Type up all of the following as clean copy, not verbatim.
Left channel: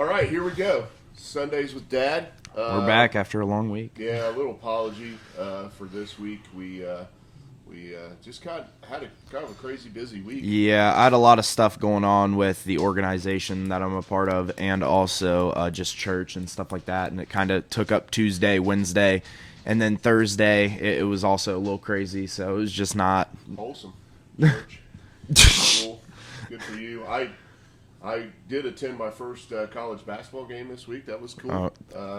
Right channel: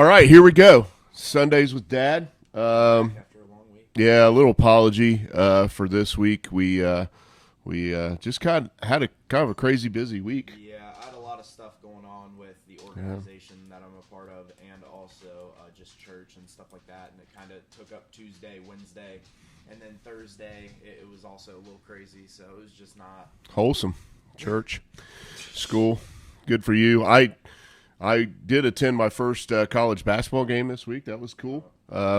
All right, here we go. Sundays with Dad. We're back after a long week. Yeah, a little apology for this week. We just had a kind of a crazy busy week. Yeah, I had a lot of stuff going on with the organization that I'm a part of, and also just church and stuff like that. And it kind of took up Tuesday, Wednesday, and then Thursday. It was also a little crazy, so it was just not Wholesome church. Cool, good for you. I did attend my first college basketball game this week. That was cool.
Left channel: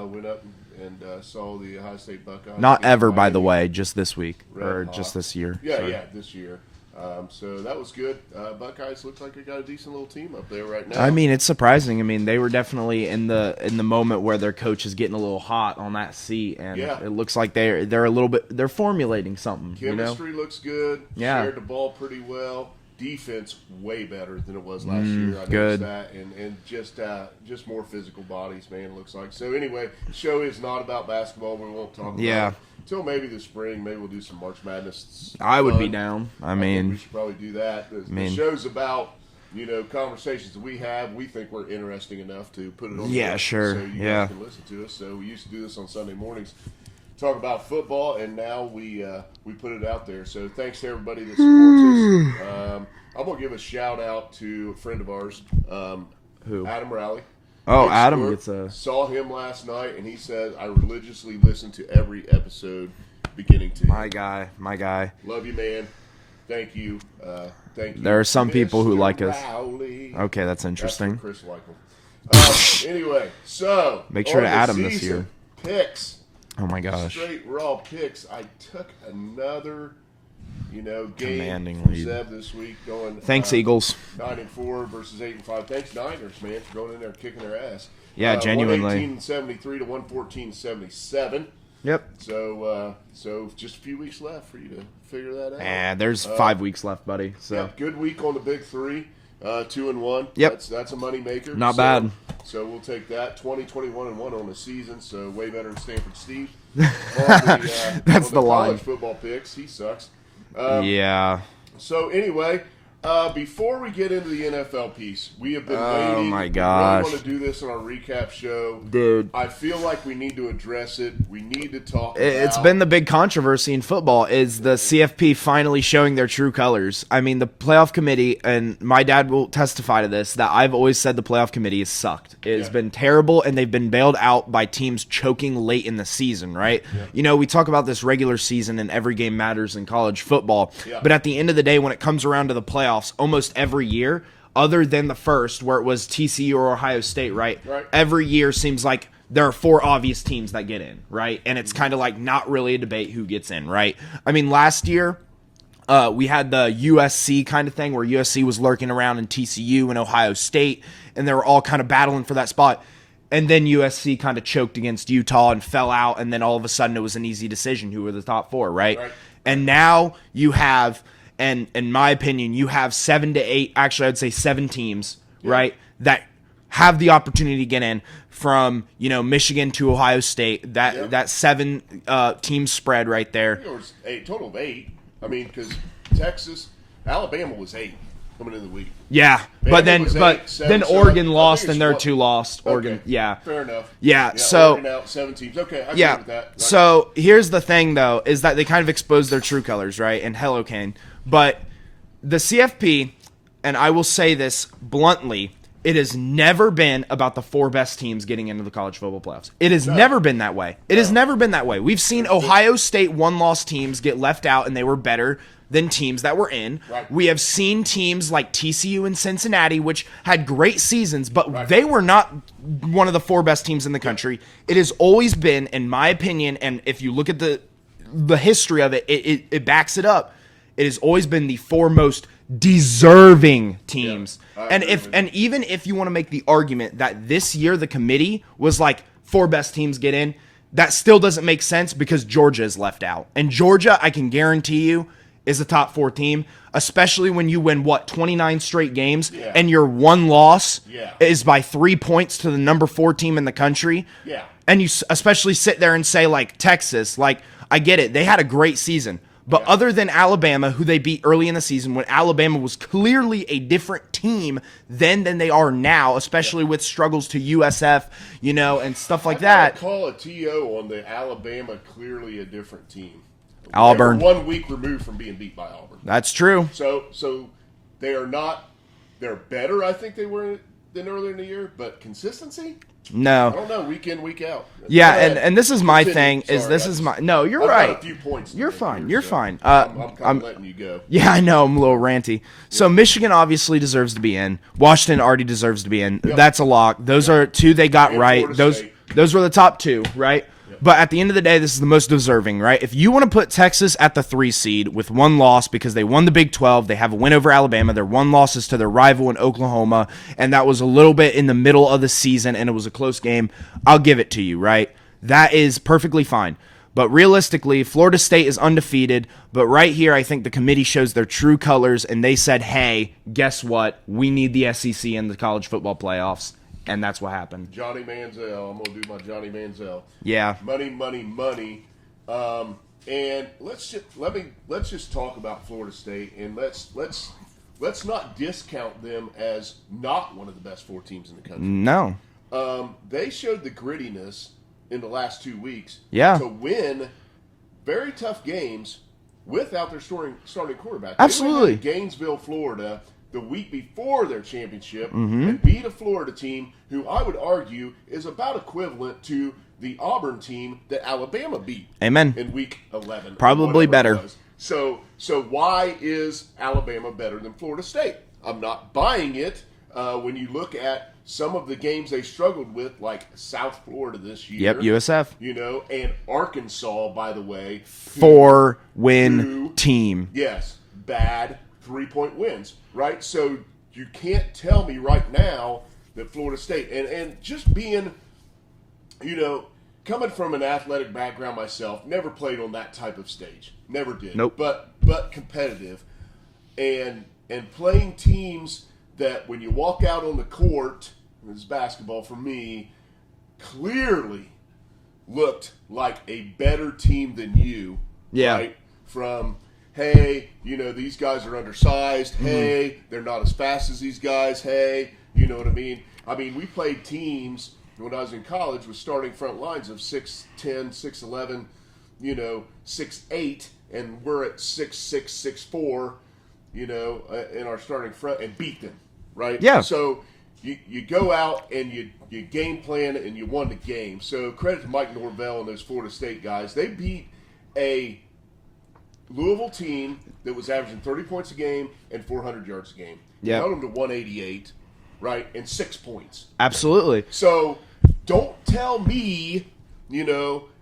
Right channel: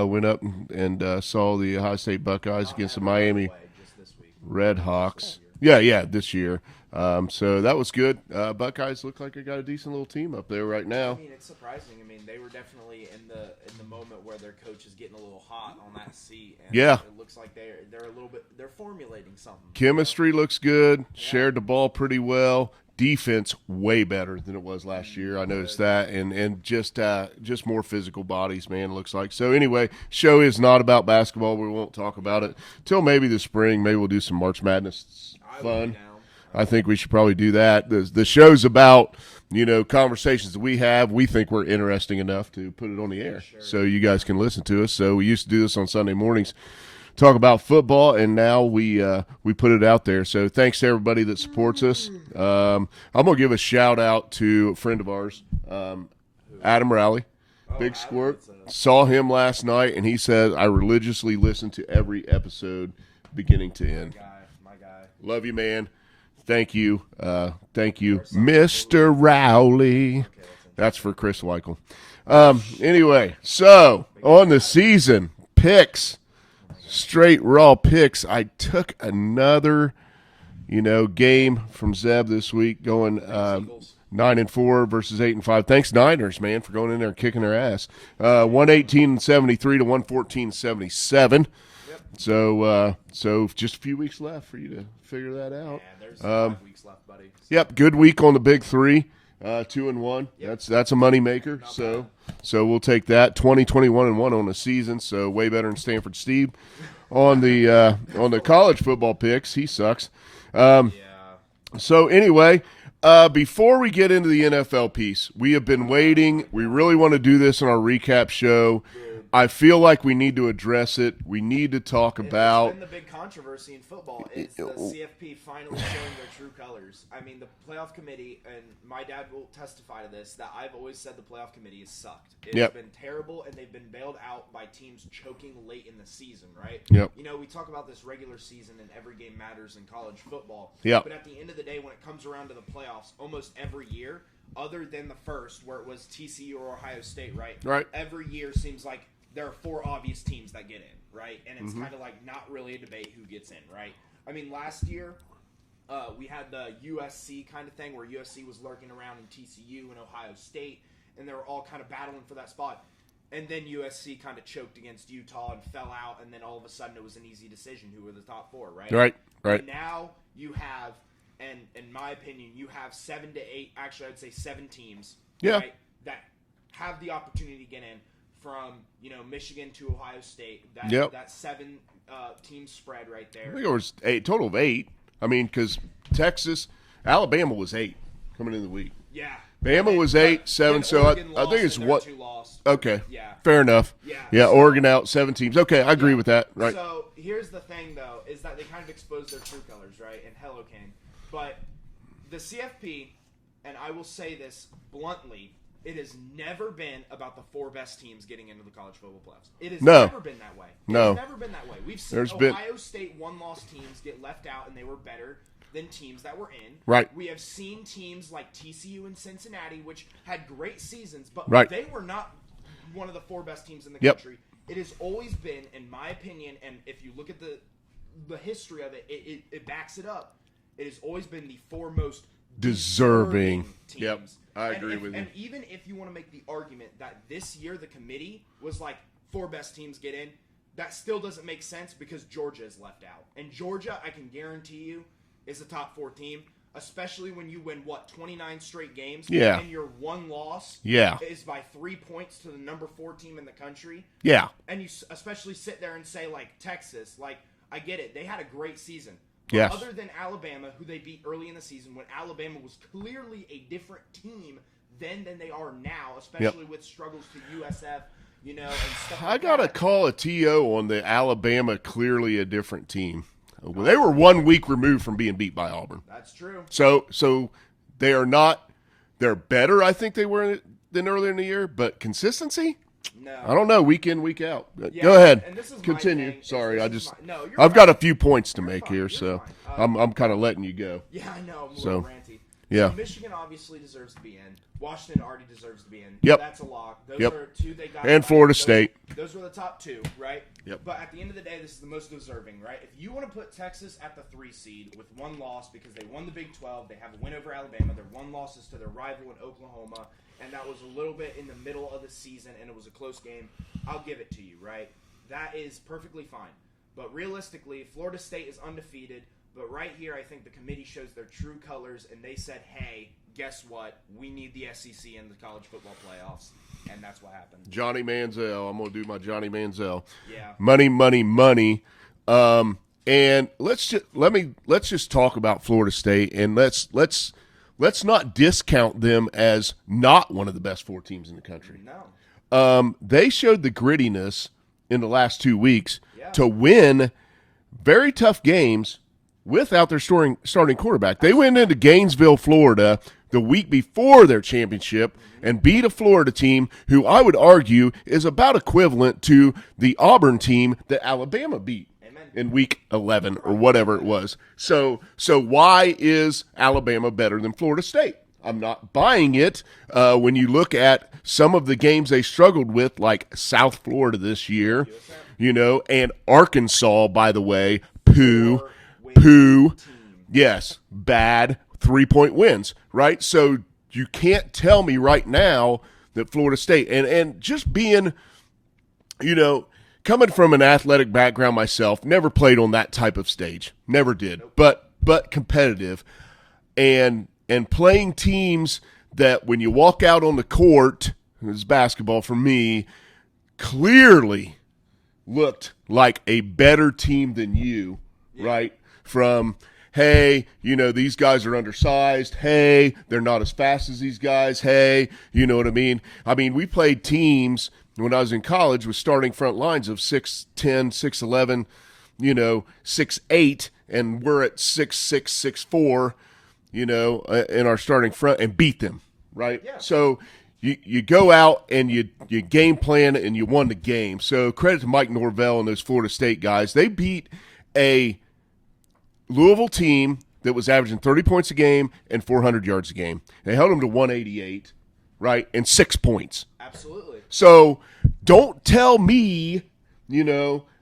Went up and saw the Ohio State Buckeyes. Not ever, by the way, just this week. Red Hawks. Just this year. Yeah, this year. So that was good. Buckeyes look like they got a decent little team up there right now. I mean, it's surprising. I mean, they were definitely in the moment where their coach is getting a little hot on that seat, and yeah, it looks like they're a little bit. They're formulating something. Chemistry looks good. Yeah. Shared the ball pretty well. Defense way better than it was last year. I noticed that, and just more physical bodies, man. It looks like. So anyway, show is not about basketball. We won't talk about it until maybe the spring. Maybe we'll do some March Madness. I would be down. I think we should probably do that. The show's about conversations that we have. We think we're interesting enough to put it on the air, sure. so you guys can listen to us. So we used to do this on Sunday mornings. Talk about football, and now we put it out there. So thanks to everybody that supports us. I'm gonna give a shout out to a friend of ours, Who? Adam Rowley. Oh, Big Adam sport. gets a. Saw him last night, and he said I religiously listen to every episode, beginning to My end. guy. Love you, man. Thank you. Thank you. There are some Mr. people who like us. Rowley. Okay, that's That's interesting. for Chris Weichel. Anyway, so Make sure on to the add him this year. season picks. Oh my gosh. Straight raw picks. I took another, game Demanding from lead. Zeb this week, going. Thanks, Eagles. 9-4 versus 8-5. Thanks, Niners, man, for going in there and kicking their ass. Yeah, genuinely. 118-73 to 114-77. Yep. So just a few weeks left for you to figure that out. And there's 5 weeks left, buddy. So. Yep, good week on the big three. 2-1. Yep. That's a money maker. Not bad. So we'll take that. 20-21-1 on the season. So way better than Stanford Steve on the college football picks. He sucks. Yeah. So anyway, before we get into the NFL piece, we have been waiting. My We gosh. really want to do this in our recap show. Dude. I feel like we need to address it. We need to talk about It's been the big controversy in football is the CFP finally showing their true colors. I mean, the playoff committee, and my dad will testify to this, that I've always said the playoff committee has sucked. It has been terrible, and they've been bailed out by teams choking late in the season, right? Yep. We talk about this regular season and every game matters in college football. Yep. But at the end of the day, when it comes around to the playoffs, almost every year, other than the first where it was TCU or Ohio State, right? Every year seems like there are 4 obvious teams that get in, right? And it's kind of like not really a debate who gets in, right? I mean, last year we had the USC kind of thing where USC was lurking around in TCU and Ohio State, and they were all kind of battling for that spot. And then USC kind of choked against Utah and fell out, and then all of a sudden it was an easy decision who were the top 4, right? And now you have... And in my opinion, you have 7 to 8, actually I'd say 7 teams, right, that have the opportunity to get in from, Michigan to Ohio State. That 7 team spread right there. It was a total of 8. I mean, because Alabama was 8 coming into the week. Yeah, Bama but then was 8, 7, then so Oregon I lost think and it's their 2 lost. Oregon, okay, yeah, fair enough. Yeah, yeah. so, Oregon out 7 teams. Okay, I agree with that. Right. So here's the thing, though, is that they kind of exposed their true colors, right? And hello, Kane, but the CFP, and I will say this bluntly, it has never been about the 4 best teams getting into the college football playoffs. It has never been that way. It has never been that way. We've seen Ohio State 1-loss teams get left out, and they were better than teams that were in. Right. We have seen teams like TCU and Cincinnati, which had great seasons, but they were not one of the 4 best teams in the country. It has always been, in my opinion, and if you look at the history of it, it backs it up. It has always been the 4 most deserving teams. Yep. And even if you want to make the argument that this year the committee was like 4 best teams get in, that still doesn't make sense because Georgia is left out. And Georgia, I can guarantee you, is a top 4 team, especially when you win 29 straight games and your 1 loss is by 3 points to the number 4 team in the country. Yeah. And you especially sit there and say like Texas, like I get it. They had a great season. But other than Alabama, who they beat early in the season, when Alabama was clearly a different team then than they are now, especially with struggles to USF, and stuff like that. I call a TO on the Alabama clearly a different team. Auburn. They were 1 week removed from being beat by Auburn. That's true. So they are not – they're better, I think they were than earlier in the year, but consistency – no, I don't know. Week in, week out. Yeah, and this is my thing. No, you're right. I've got a few points to make fine. here. You're fine. I'm kind of letting you go. Yeah, I know. I'm a little ranty. Yeah. So Michigan obviously deserves to be in. Washington already deserves to be in. Yep. That's a lock. Those are two they got and right. Florida State. Those were the top two, right? Yep. But at the end of the day, this is the most deserving, right? If you want to put Texas at the 3 seed with one loss because they won the Big 12, they have a win over Alabama, their one loss is to their rival in Oklahoma, and that was a little bit in the middle of the season, and it was a close game, I'll give it to you, right? That is perfectly fine. But realistically, Florida State is undefeated, but right here, I think the committee shows their true colors, and they said, hey, guess what? We need the SEC in the college football playoffs. And that's what happened. Johnny Manziel. I'm gonna do my Johnny Manziel. Yeah. Money, money, money. And let's just talk about Florida State, and let's not discount them as not one of the best 4 teams in the country. No. They showed the grittiness in the last 2 weeks to win very tough games without their starting quarterback. Absolutely. They went into Gainesville, Florida, the week before their championship and beat a Florida team who I would argue is about equivalent to the Auburn team that Alabama beat. Amen. In week 11 Probably or whatever better. it was. So why is Alabama better than Florida State? I'm not buying it when you look at some of the games they struggled with, like South Florida this year. Yep, USF. And Arkansas, by the way. 4-win team. Yes, bad 3-point wins, right? So you can't tell me right now that Florida State, and just being, coming from an athletic background myself, never played on that type of stage. Never did. Nope. But competitive. And playing teams that when you walk out on the court, this is basketball for me, clearly looked like a better team than you. Yeah. Right? From, hey, these guys are undersized. Hey, they're not as fast as these guys. Hey, you know what I mean? I mean, we played teams when I was in college with starting front lines of 6'10", 6'11", 6'8", and we're at 6'6", 6'4", in our starting front and beat them, right? Yeah. So you go out and you game plan and you won the game. So credit to Mike Norvell and those Florida State guys. They beat a Louisville team that was averaging 30 points a game and 400 yards a game. They held them to 188, right, and 6 points. Absolutely. So don't tell me,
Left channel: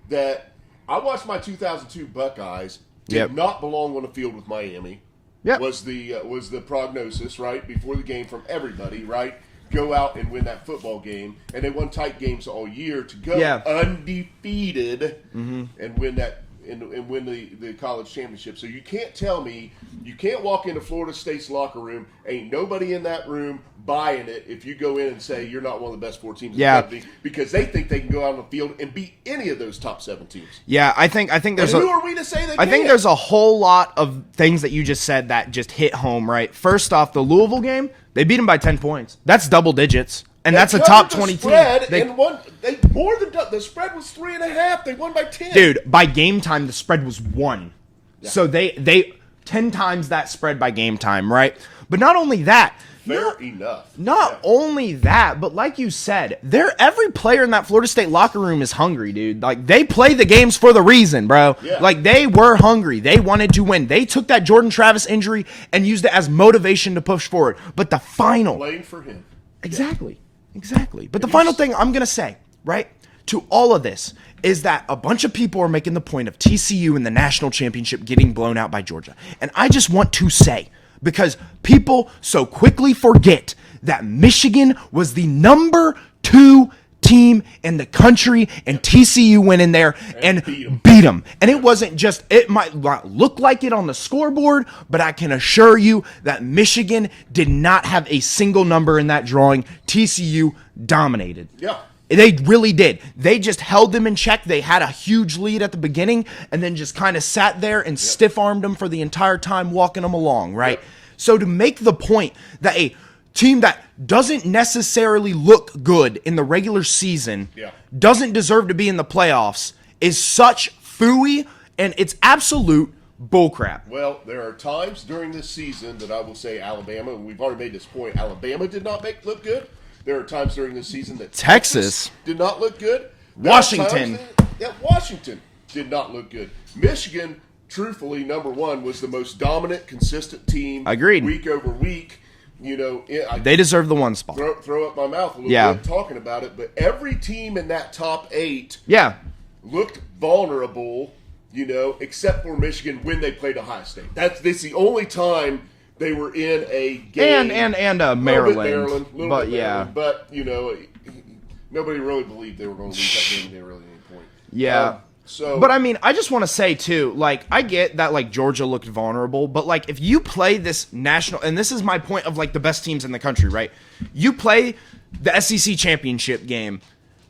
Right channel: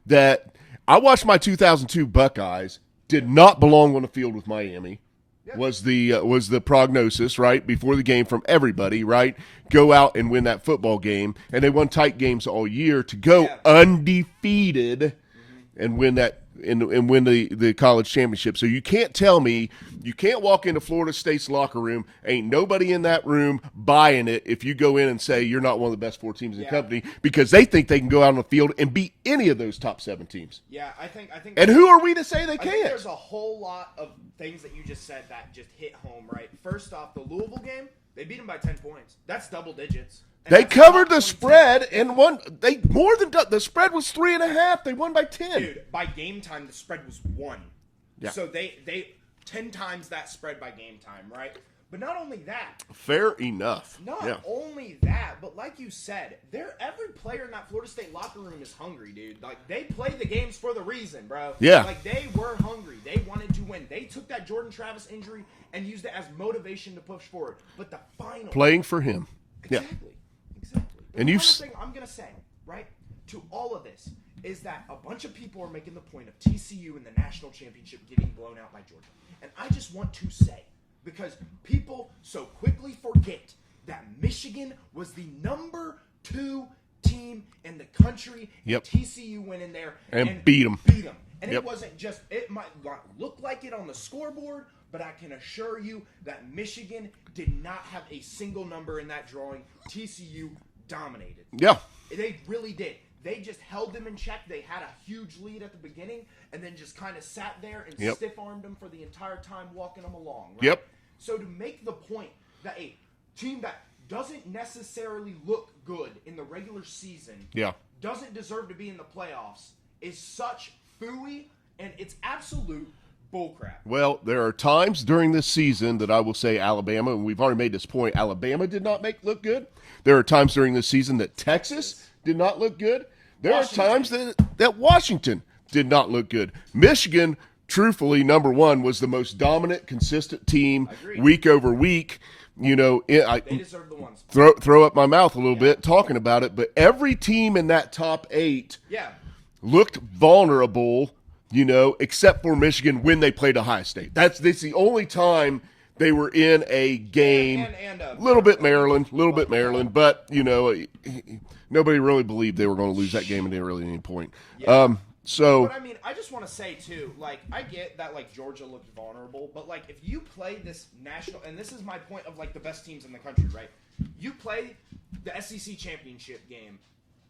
that I watched my 2002 Buckeyes did not belong on the field with Miami. Yep. Was the prognosis, right, before the game from everybody, right? Go out and win that football game. And they won tight games all year to go undefeated and win that and win the college championship. So you can't tell me, you can't walk into Florida State's locker room, ain't nobody in that room buying it if you go in and say you're not one of the best 4 teams in the country, because they think they can go out on the field and beat any of those top 7 teams. Yeah, I think there's who are we to say they can't? I think there's a whole lot of things that you just said that just hit home, right? First off, the Louisville game, they beat them by 10 points. That's double digits. And that's a top 20 team. The spread was 3.5. They won by 10. Dude, by game time, the spread was 1. Yeah. So they 10 times that spread by game time, right? But not only that. Fair enough. Not only that, but like you said, every player in that Florida State locker room is hungry, dude. Like, they play the games for the reason, bro. Yeah. Like, they were hungry. They wanted to win. They took that Jordan Travis injury and used it as motivation to push forward. But the final. Playing for him. Exactly. Yeah. Exactly. But the final thing I'm going to say, right, to all of this is that a bunch of people are making the point of TCU in the national championship getting blown out by Georgia. And I just want to say, because people so quickly forget that Michigan was the number 2 team in the country, and TCU went in there and beat them. And it wasn't just, it might look like it on the scoreboard, but I can assure you that Michigan did not have a single number in that drawing. TCU dominated. Yeah. They really did. They just held them in check. They had a huge lead at the beginning and then just kind of sat there and stiff-armed them for the entire time, walking them along, right? Yep. So to make the point that a team that doesn't necessarily look good in the regular season doesn't deserve to be in the playoffs is such phooey, and it's absolute bullcrap. Well, there are times during this season that I will say Alabama, and we've already made this point, Alabama did not look good. There are times during this season that Texas did not look good. Washington. That Washington did not look good. Michigan, truthfully, number one, was the most dominant, consistent team. Agreed. Week over week. You know, they deserve the one spot. Throw up my mouth a little bit talking about it, but every team in that top 8 looked vulnerable, you know, except for Michigan when they played Ohio State. That's the only time they were in a game. And Maryland. A little bit Maryland. But, you know, nobody really believed they were going to lose that game, and they really at any point. Yeah. But I mean, I just want to say too, like, I get that like Georgia looked vulnerable, but like if you play this national, and this is my point of like the best teams in the country, right? You play the SEC championship game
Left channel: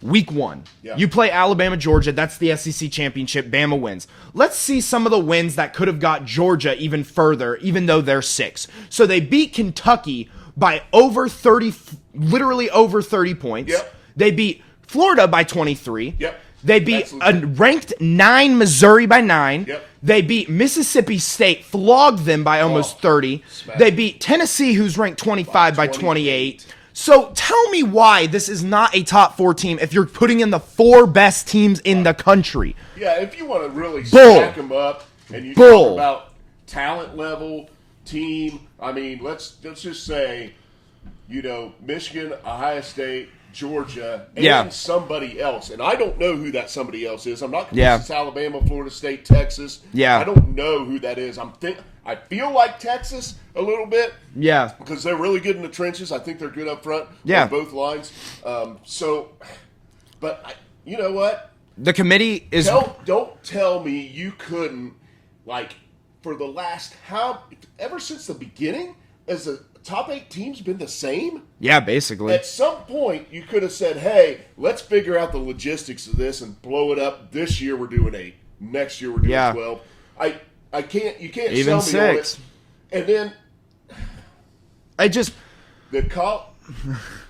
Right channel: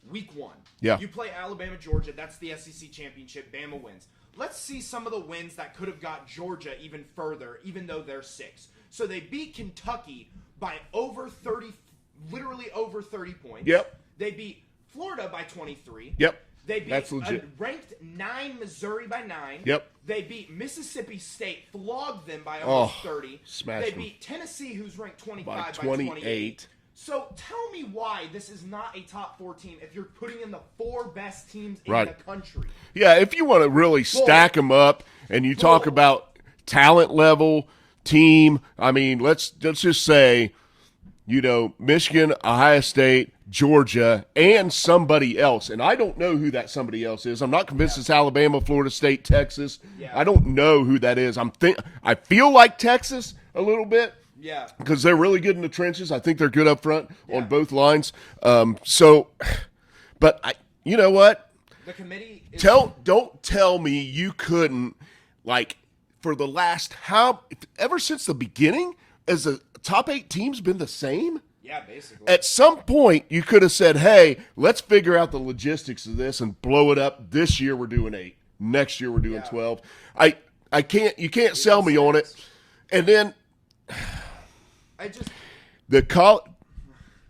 week 1. Yeah. You play Alabama, Georgia, that's the SEC championship, Bama wins. Let's see some of the wins that could have got Georgia even further, even though they're 6. So they beat Kentucky by literally over 30 points. Yep. They beat Florida by 23. Yep. They beat a ranked 9 Missouri by 9. Yep. They beat Mississippi State, flogged them by almost 30. They beat Tennessee, who's ranked 25 by 28. So tell me why this is not a top 4 team if you're putting in the 4 best teams in the country. Yeah, if you want to really stack them up and you talk about talent level, team, I mean, let's just say, you know, Michigan, Ohio State, Georgia, and somebody else. And I don't know who that somebody else is. I'm not convinced it's Alabama, Florida State, Texas. Yeah. I don't know who that is. I feel like Texas a little bit. Yeah. Because they're really good in the trenches. I think they're good up front on both lines. But you know what? The committee is... Don't tell me you couldn't, like, for the last... ever since the beginning, has the top 8 teams been the same? Yeah, basically. At some point, you could have said, hey, let's figure out the logistics of this and blow it up. This year we're doing 8. Next year we're doing 12. You can't even sell me 6. on it. And then the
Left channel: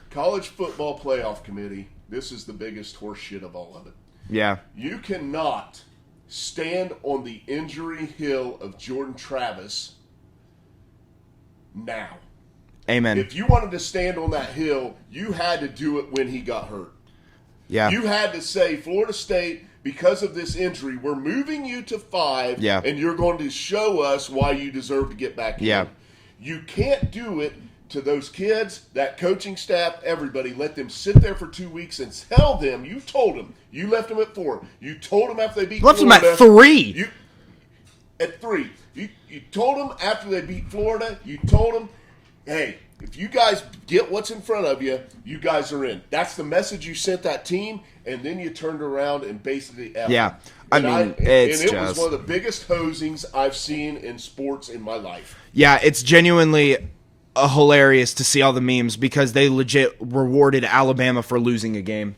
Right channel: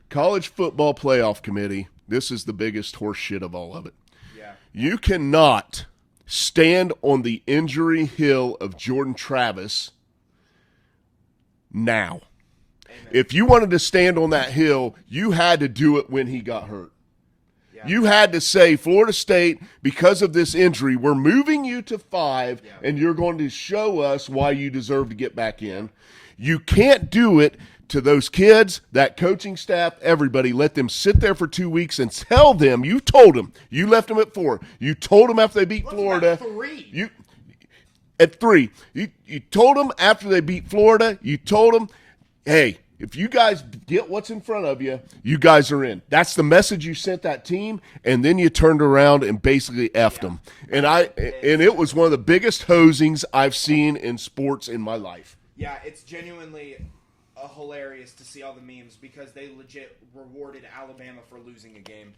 college football playoff committee, this is the biggest horse shit of all of it. Yeah. You cannot stand on the injury hill of Jordan Travis now. Amen. If you wanted to stand on that hill, you had to do it when he got hurt. Yeah. You had to say, Florida State, because of this injury, we're moving you to 5, and you're going to show us why you deserve to get back in. You can't do it to those kids, that coaching staff, everybody. Let them sit there for 2 weeks and tell them, you told them, you left them at 4. You told them after they beat Florida. Left them at 3. At 3. You told them after they beat Florida, you told them, hey, if you guys get what's in front of you, you guys are in. That's the message you sent that team, and then you turned around and basically effed them. And it was one of the biggest hosings I've seen in sports in my life. Yeah, it's genuinely hilarious to see all the memes because they legit rewarded Alabama for losing a game.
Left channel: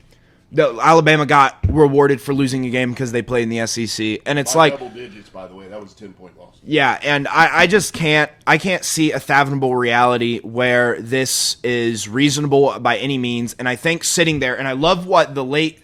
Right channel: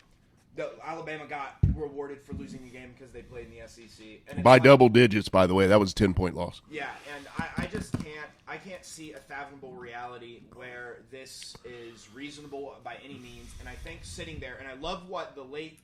Alabama got rewarded for losing a game because they played in the SEC, and it's by double digits, by the way. That was a 10-point loss. Yeah, and I just can't see a fathomable reality where this is reasonable by any means. And I think sitting there, and I love what the late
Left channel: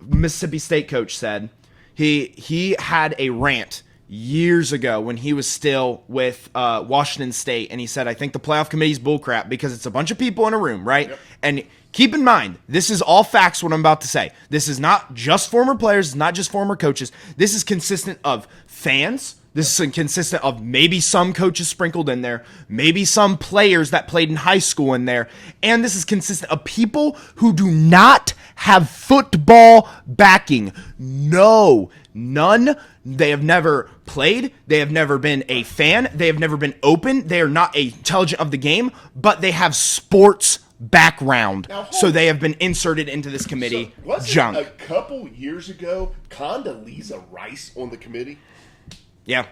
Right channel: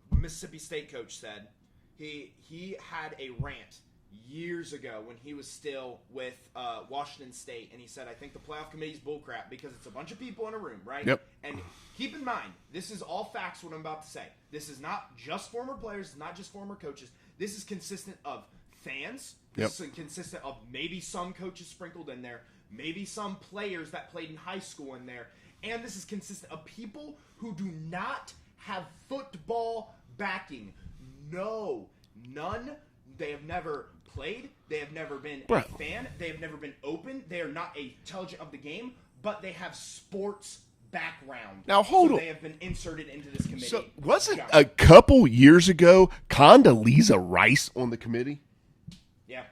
Mississippi State coach said. He had a rant years ago when he was still with Washington State, and he said, I think the playoff committee's bullcrap because it's a bunch of people in a room, right? Yep. And keep in mind, this is all facts, what I'm about to say. This is not just former players, it's not just former coaches. This is consistent of fans. This is consistent of maybe some coaches sprinkled in there, maybe some players that played in high school in there, and this is consistent of people who do not have football backing. No, none. They have never played. They have never been a fan. They have never been open. They are not intelligent of the game, but they have sports background. So they have been inserted into this committee. So wasn't a couple years ago Condoleezza Rice on the committee? Yeah.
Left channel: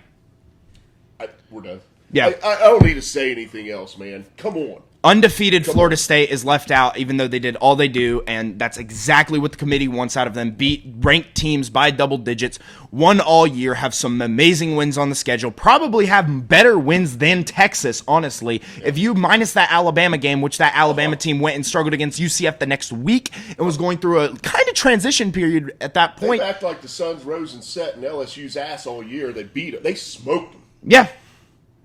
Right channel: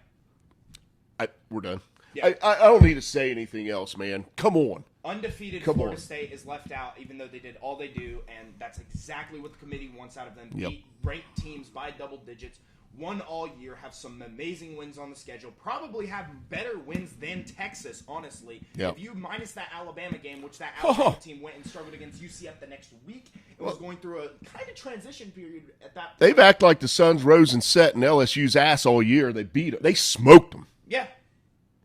We're done. Yeah. I don't need to say anything else, man. Come on. Undefeated Florida State is left out, even though they did all they do, and that's exactly what the committee wants out of them. Beat ranked teams by double digits, won all year, have some amazing wins on the schedule, probably have better wins than Texas, honestly. Yep. If you minus that Alabama game, which that Alabama team went and struggled against UCF the next week and was going through a kind of transition period at that point. They act like the suns rose and set in LSU's ass all year. They beat them. They smoked them. Yeah.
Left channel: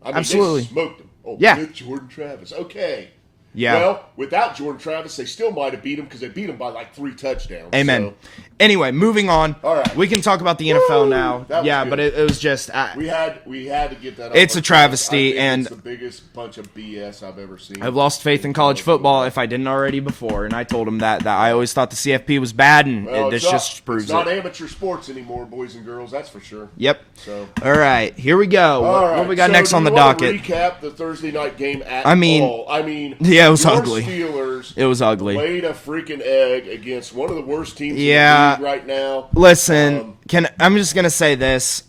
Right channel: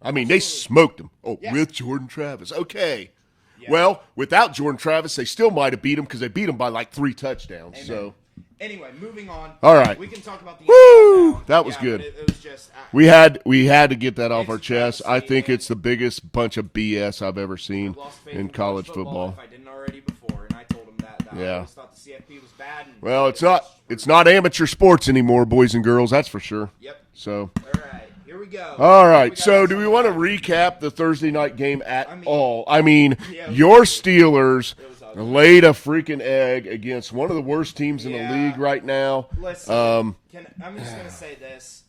I mean, absolutely. They smoked them. Oh, yeah. With Jordan Travis. Okay. Yeah. Well, without Jordan Travis, they still might have beat him because they beat him by like 3 touchdowns. Amen. So. Anyway, moving on. All right. We can talk about the NFL now. That was good. But it was just we had to get that off. It's a travesty. I think and it's the biggest bunch of BS I've ever seen. I've lost faith in college football if I didn't already before, and I told him that I always thought the CFP was bad, and it's not amateur sports anymore, boys and girls. That's for sure. Yep. So all right, here we go. All right, what we got next on the docket? Recap the Thursday night game at all. I mean, yeah, it was your ugly. Steelers. It was ugly. Laid a freaking egg against one of the worst teams in the league right now. Listen, I'm just gonna say this.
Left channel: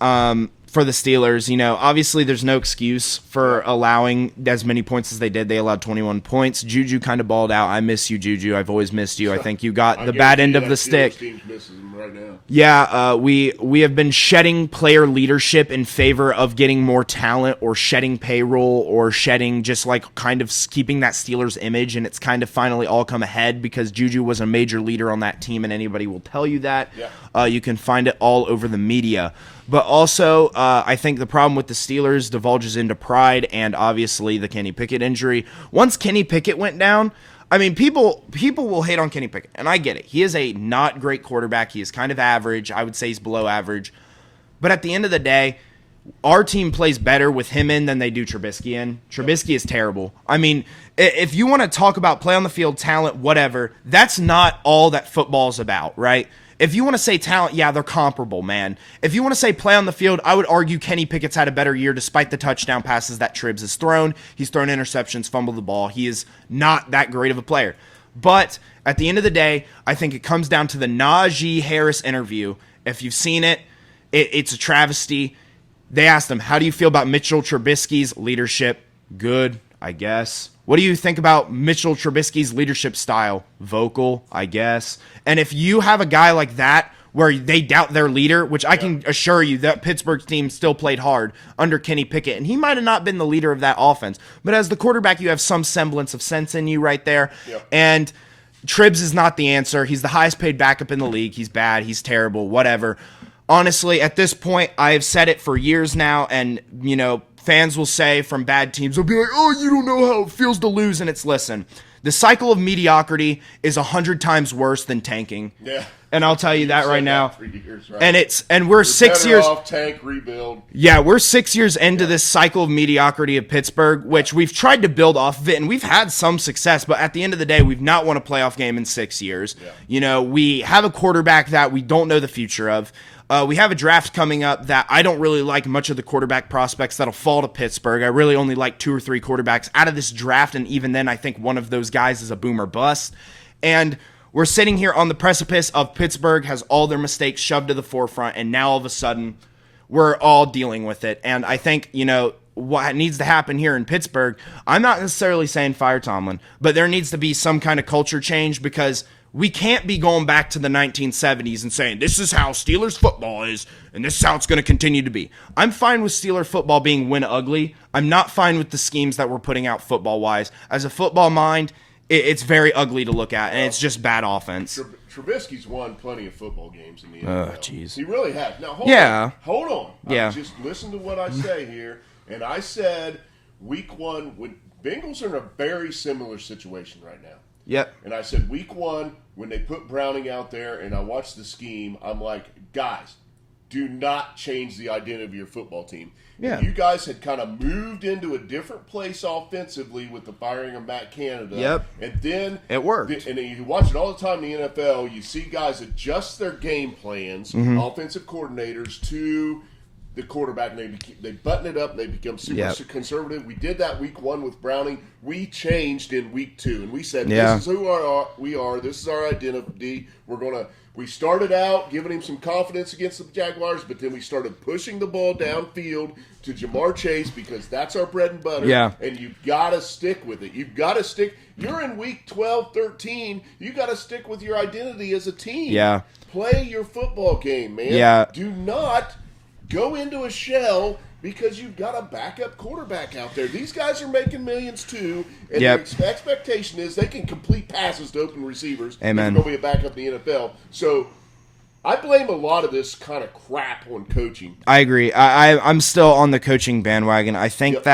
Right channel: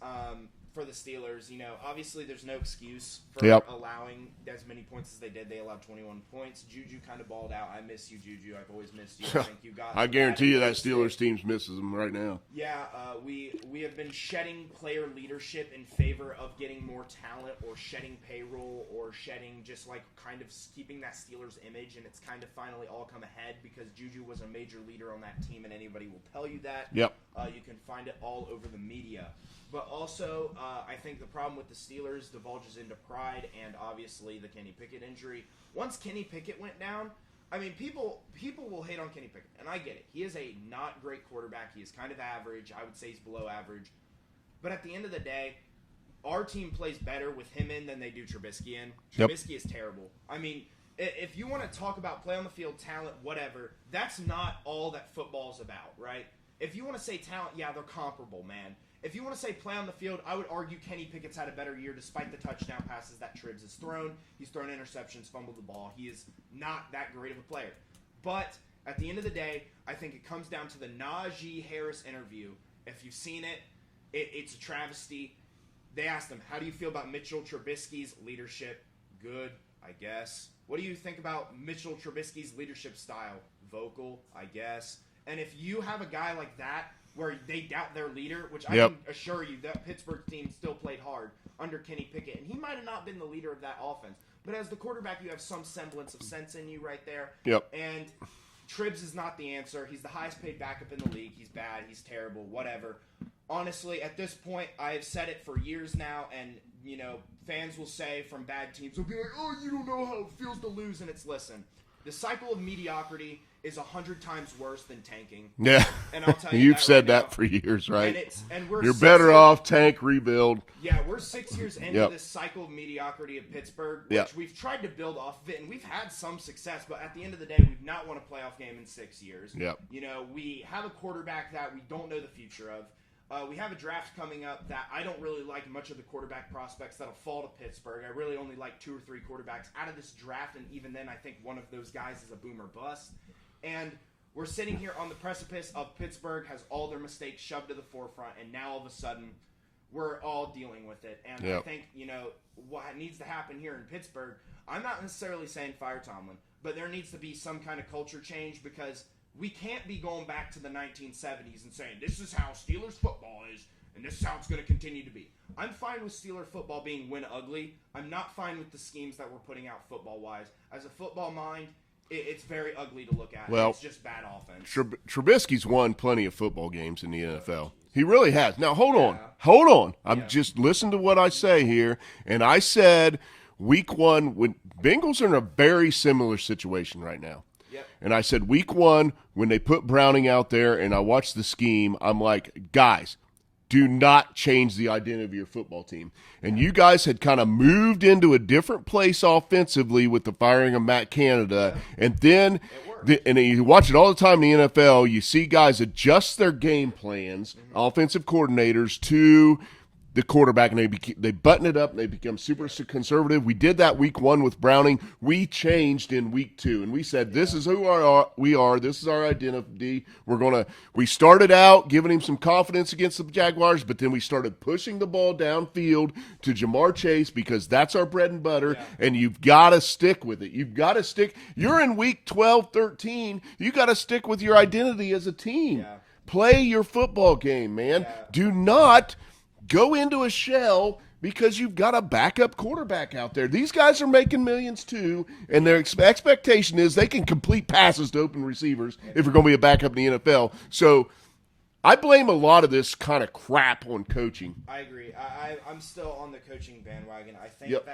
For the Steelers, obviously there's no excuse for allowing as many points as they did. They allowed 21 points. Juju kind of balled out. I miss you, Juju. I've always missed you. I think you got the bad end of the stick. Steelers team misses him right now. Yeah, we have been shedding player leadership in favor of getting more talent or shedding payroll or shedding just like kind of keeping that Steelers image, and it's kind of finally all come ahead because Juju was a major leader on that team, and anybody will tell you that. Yep. You can find it all over the media. But also, I think the problem with the Steelers divulges into pride and obviously the Kenny Pickett injury. Once Kenny Pickett went down, I mean, people will hate on Kenny Pickett, and I get it. He is a not great quarterback. He is kind of average. I would say he's below average. But at the end of the day, our team plays better with him in than they do Trubisky in. Trubisky is terrible. I mean, if you want to talk about play on the field, talent, whatever, that's not all that football's about, right? If you want to say talent, yeah, they're comparable, man. If you want to say play on the field, I would argue Kenny Pickett's had a better year despite the touchdown passes that Tribbs has thrown. He's thrown interceptions, fumbled the ball. He is not that great of a player. But at the end of the day, I think it comes down to the Najee Harris interview. If you've seen it, it's a travesty. They asked him, how do you feel about Mitchell Trubisky's leadership? Good, I guess. What do you think about Mitchell Trubisky's leadership style? Vocal, I guess. And if you have a guy like that where they doubt their leader, which I can assure you that Pittsburgh's team still played hard under Kenny Pickett, and he might have not been the leader of that offense. But as the quarterback, you have some semblance of sense in you right there. Yep. And Tribbs is not the answer. He's the highest paid backup in the league. He's bad. He's terrible. Whatever. Honestly, at this point, I have said it for years now, and, fans will say from bad teams, they'll be like, oh, you don't know how it feels to lose, and it's, listen, the cycle of mediocrity is 100 times worse than tanking. Yeah. And I'll tell you that right now. For years, right? And we're You're 6 years off, tank, rebuild. Yeah, we're 6 years into this cycle of mediocrity of Pittsburgh, which we've tried to build off of it, and we've had some success, but at the end of the day, we've not won a playoff game in 6 years. Yeah. We have a quarterback that we don't know the future of. We have a draft coming up that I don't really like much of the quarterback prospects that'll fall to Pittsburgh. I really only like 2 or 3 quarterbacks out of this draft, and even then I think one of those guys is a boom or bust. And we're sitting here on the precipice of Pittsburgh has all their mistakes shoved to the forefront, and now all of a sudden we're all dealing with it. And I think, what needs to happen here in Pittsburgh, I'm not necessarily saying fire Tomlin, but there needs to be some kind of culture change because we can't be going back to the 1970s and saying, this is how Steelers football is, and this is how it's going to continue to be. I'm fine with Steeler football being win ugly. I'm not fine with the schemes that we're putting out football-wise. As a football mind, it's very ugly to look at, and it's just bad offense. Trubisky's won plenty of football games in the NFL. Geez. He really has. Now, hold on. Yeah. Just listen to what I say here. And I said week 1, when Bengals are in a very similar situation right now. Yep. And I said week 1, when they put Browning out there and I watched the scheme, I'm like, guys, do not change the identity of your football team. And you guys had kind of moved into a different place offensively with the firing of Matt Canada. Yep. And then it worked. And you watch it all the time in the NFL. You see guys adjust their game plans, offensive coordinators, to the quarterback, and they button it up. They become super conservative. We did that week 1 with Browning. We changed in week 2, and we said, this is who we are. This is our identity. We started out giving him some confidence against the Jaguars, but then we started pushing the ball downfield to Jamar Chase because that's our bread and butter. Yeah. And you've got to stick with it. You've got to stick. You're in week 12, 13. You got to stick with your identity as a team. Yeah. Play your football game, man. Yeah. Do not go into a shell because you've got a backup quarterback out there. These guys are making millions too, and their expectation is they can complete passes to open receivers if they're going to be a backup in the NFL. So I blame a lot of this kind of crap on coaching. I agree. I'm still on the coaching bandwagon. I think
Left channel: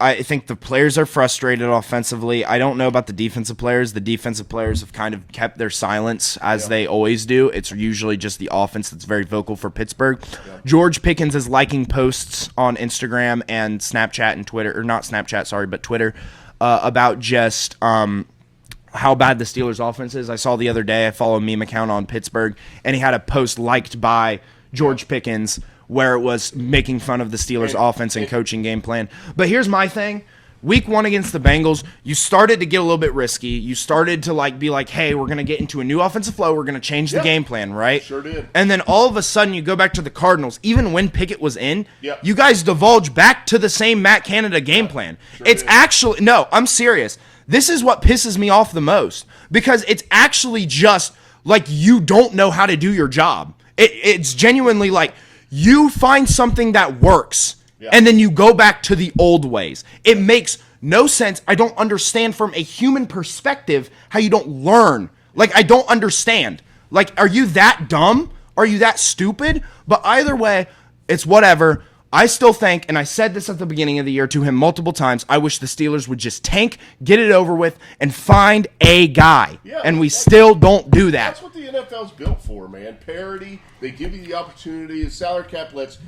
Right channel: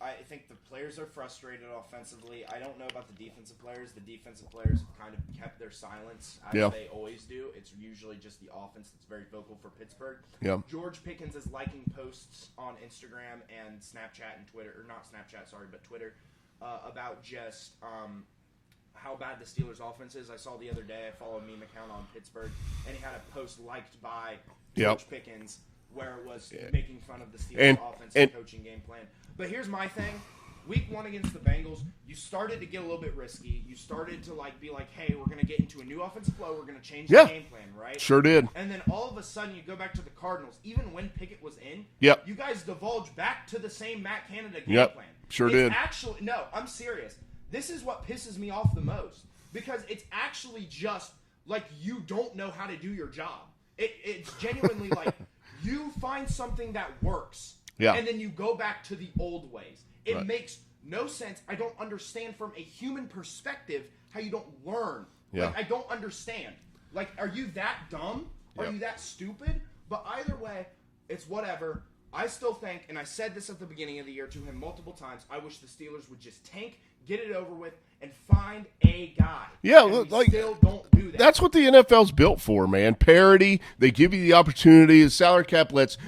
I think the players are frustrated offensively. I don't know about the defensive players. The defensive players have kind of kept their silence, as they always do. It's usually just the offense that's very vocal for Pittsburgh. Yeah. George Pickens is liking posts on Instagram and Snapchat and Twitter, or not Snapchat, sorry, but Twitter, about just how bad the Steelers' offense is. I saw the other day, I follow a meme account on Pittsburgh, and he had a post liked by George Pickens where it was making fun of the Steelers' offense and coaching game plan. But here's my thing. Week 1 against the Bengals, you started to get a little bit risky. You started to be like, hey, we're going to get into a new offensive flow. We're going to change the game plan, right? Sure did. And then all of a sudden you go back to the Cardinals. Even when Pickett was in, you guys divulge back to the same Matt Canada game plan. Sure it's did. actually – no, I'm serious. This is what pisses me off the most because it's actually just like you don't know how to do your job. It's genuinely like – you find something that works, and then you go back to the old ways. It makes no sense. I don't understand from a human perspective how you don't learn. Like, I don't understand. Like, are you that dumb? Are you that stupid? But either way, it's whatever. I still think, and I said this at the beginning of the year to him multiple times, I wish the Steelers would just tank, get it over with, and find a guy. Yeah, and we still don't do that. That's what the NFL's built for, man. Parity. They give you the opportunity. The salary cap lets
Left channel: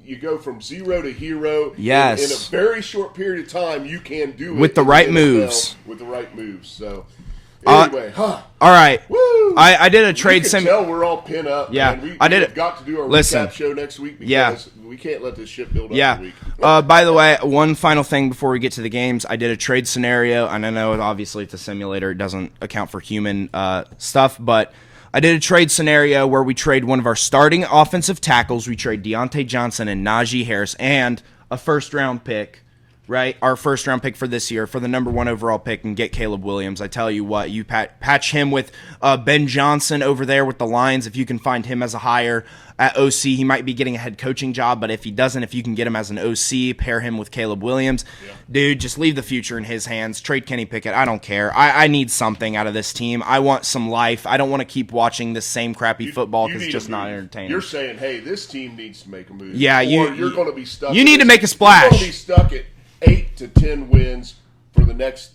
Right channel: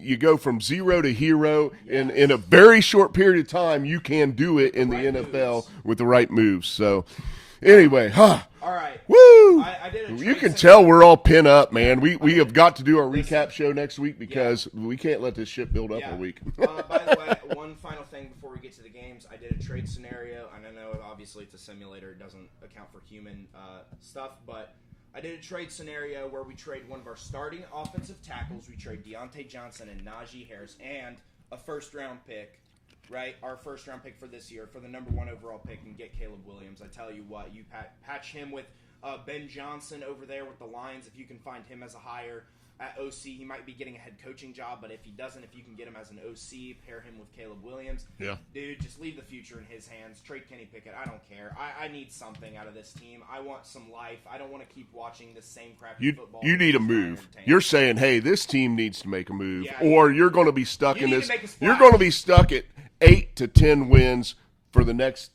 you go from zero to hero. Yes. In a very short period of time, you can do it. With the right moves. With the right moves. So, anyway. All right. Woo! I did a trade. You can tell we're all pinned up, man. Yeah, we have got to do our recap show next week because we can't let this shit build up a week. By the way, one final thing before we get to the games. I did a trade scenario, and I know obviously it's a simulator. It doesn't account for human stuff, but I did a trade scenario where we trade one of our starting offensive tackles. We trade Deontay Johnson and Najee Harris and a first-round pick. Right, our first-round pick for this year for the number 1 overall pick and get Caleb Williams. I tell you what, you patch him with Ben Johnson over there with the Lions. If you can find him as a hire at OC, he might be getting a head coaching job. But if he doesn't, if you can get him as an OC, pair him with Caleb Williams, dude, just leave the future in his hands. Trade Kenny Pickett. I don't care. I need something out of this team. I want some life. I don't want to keep watching this same crappy football. You need it's just a move. not entertaining. You're saying, hey, this team needs to make a move. Yeah, or you're going to be stuck. You need to make a splash. You're going to be stuck at 8 to 10 wins for the next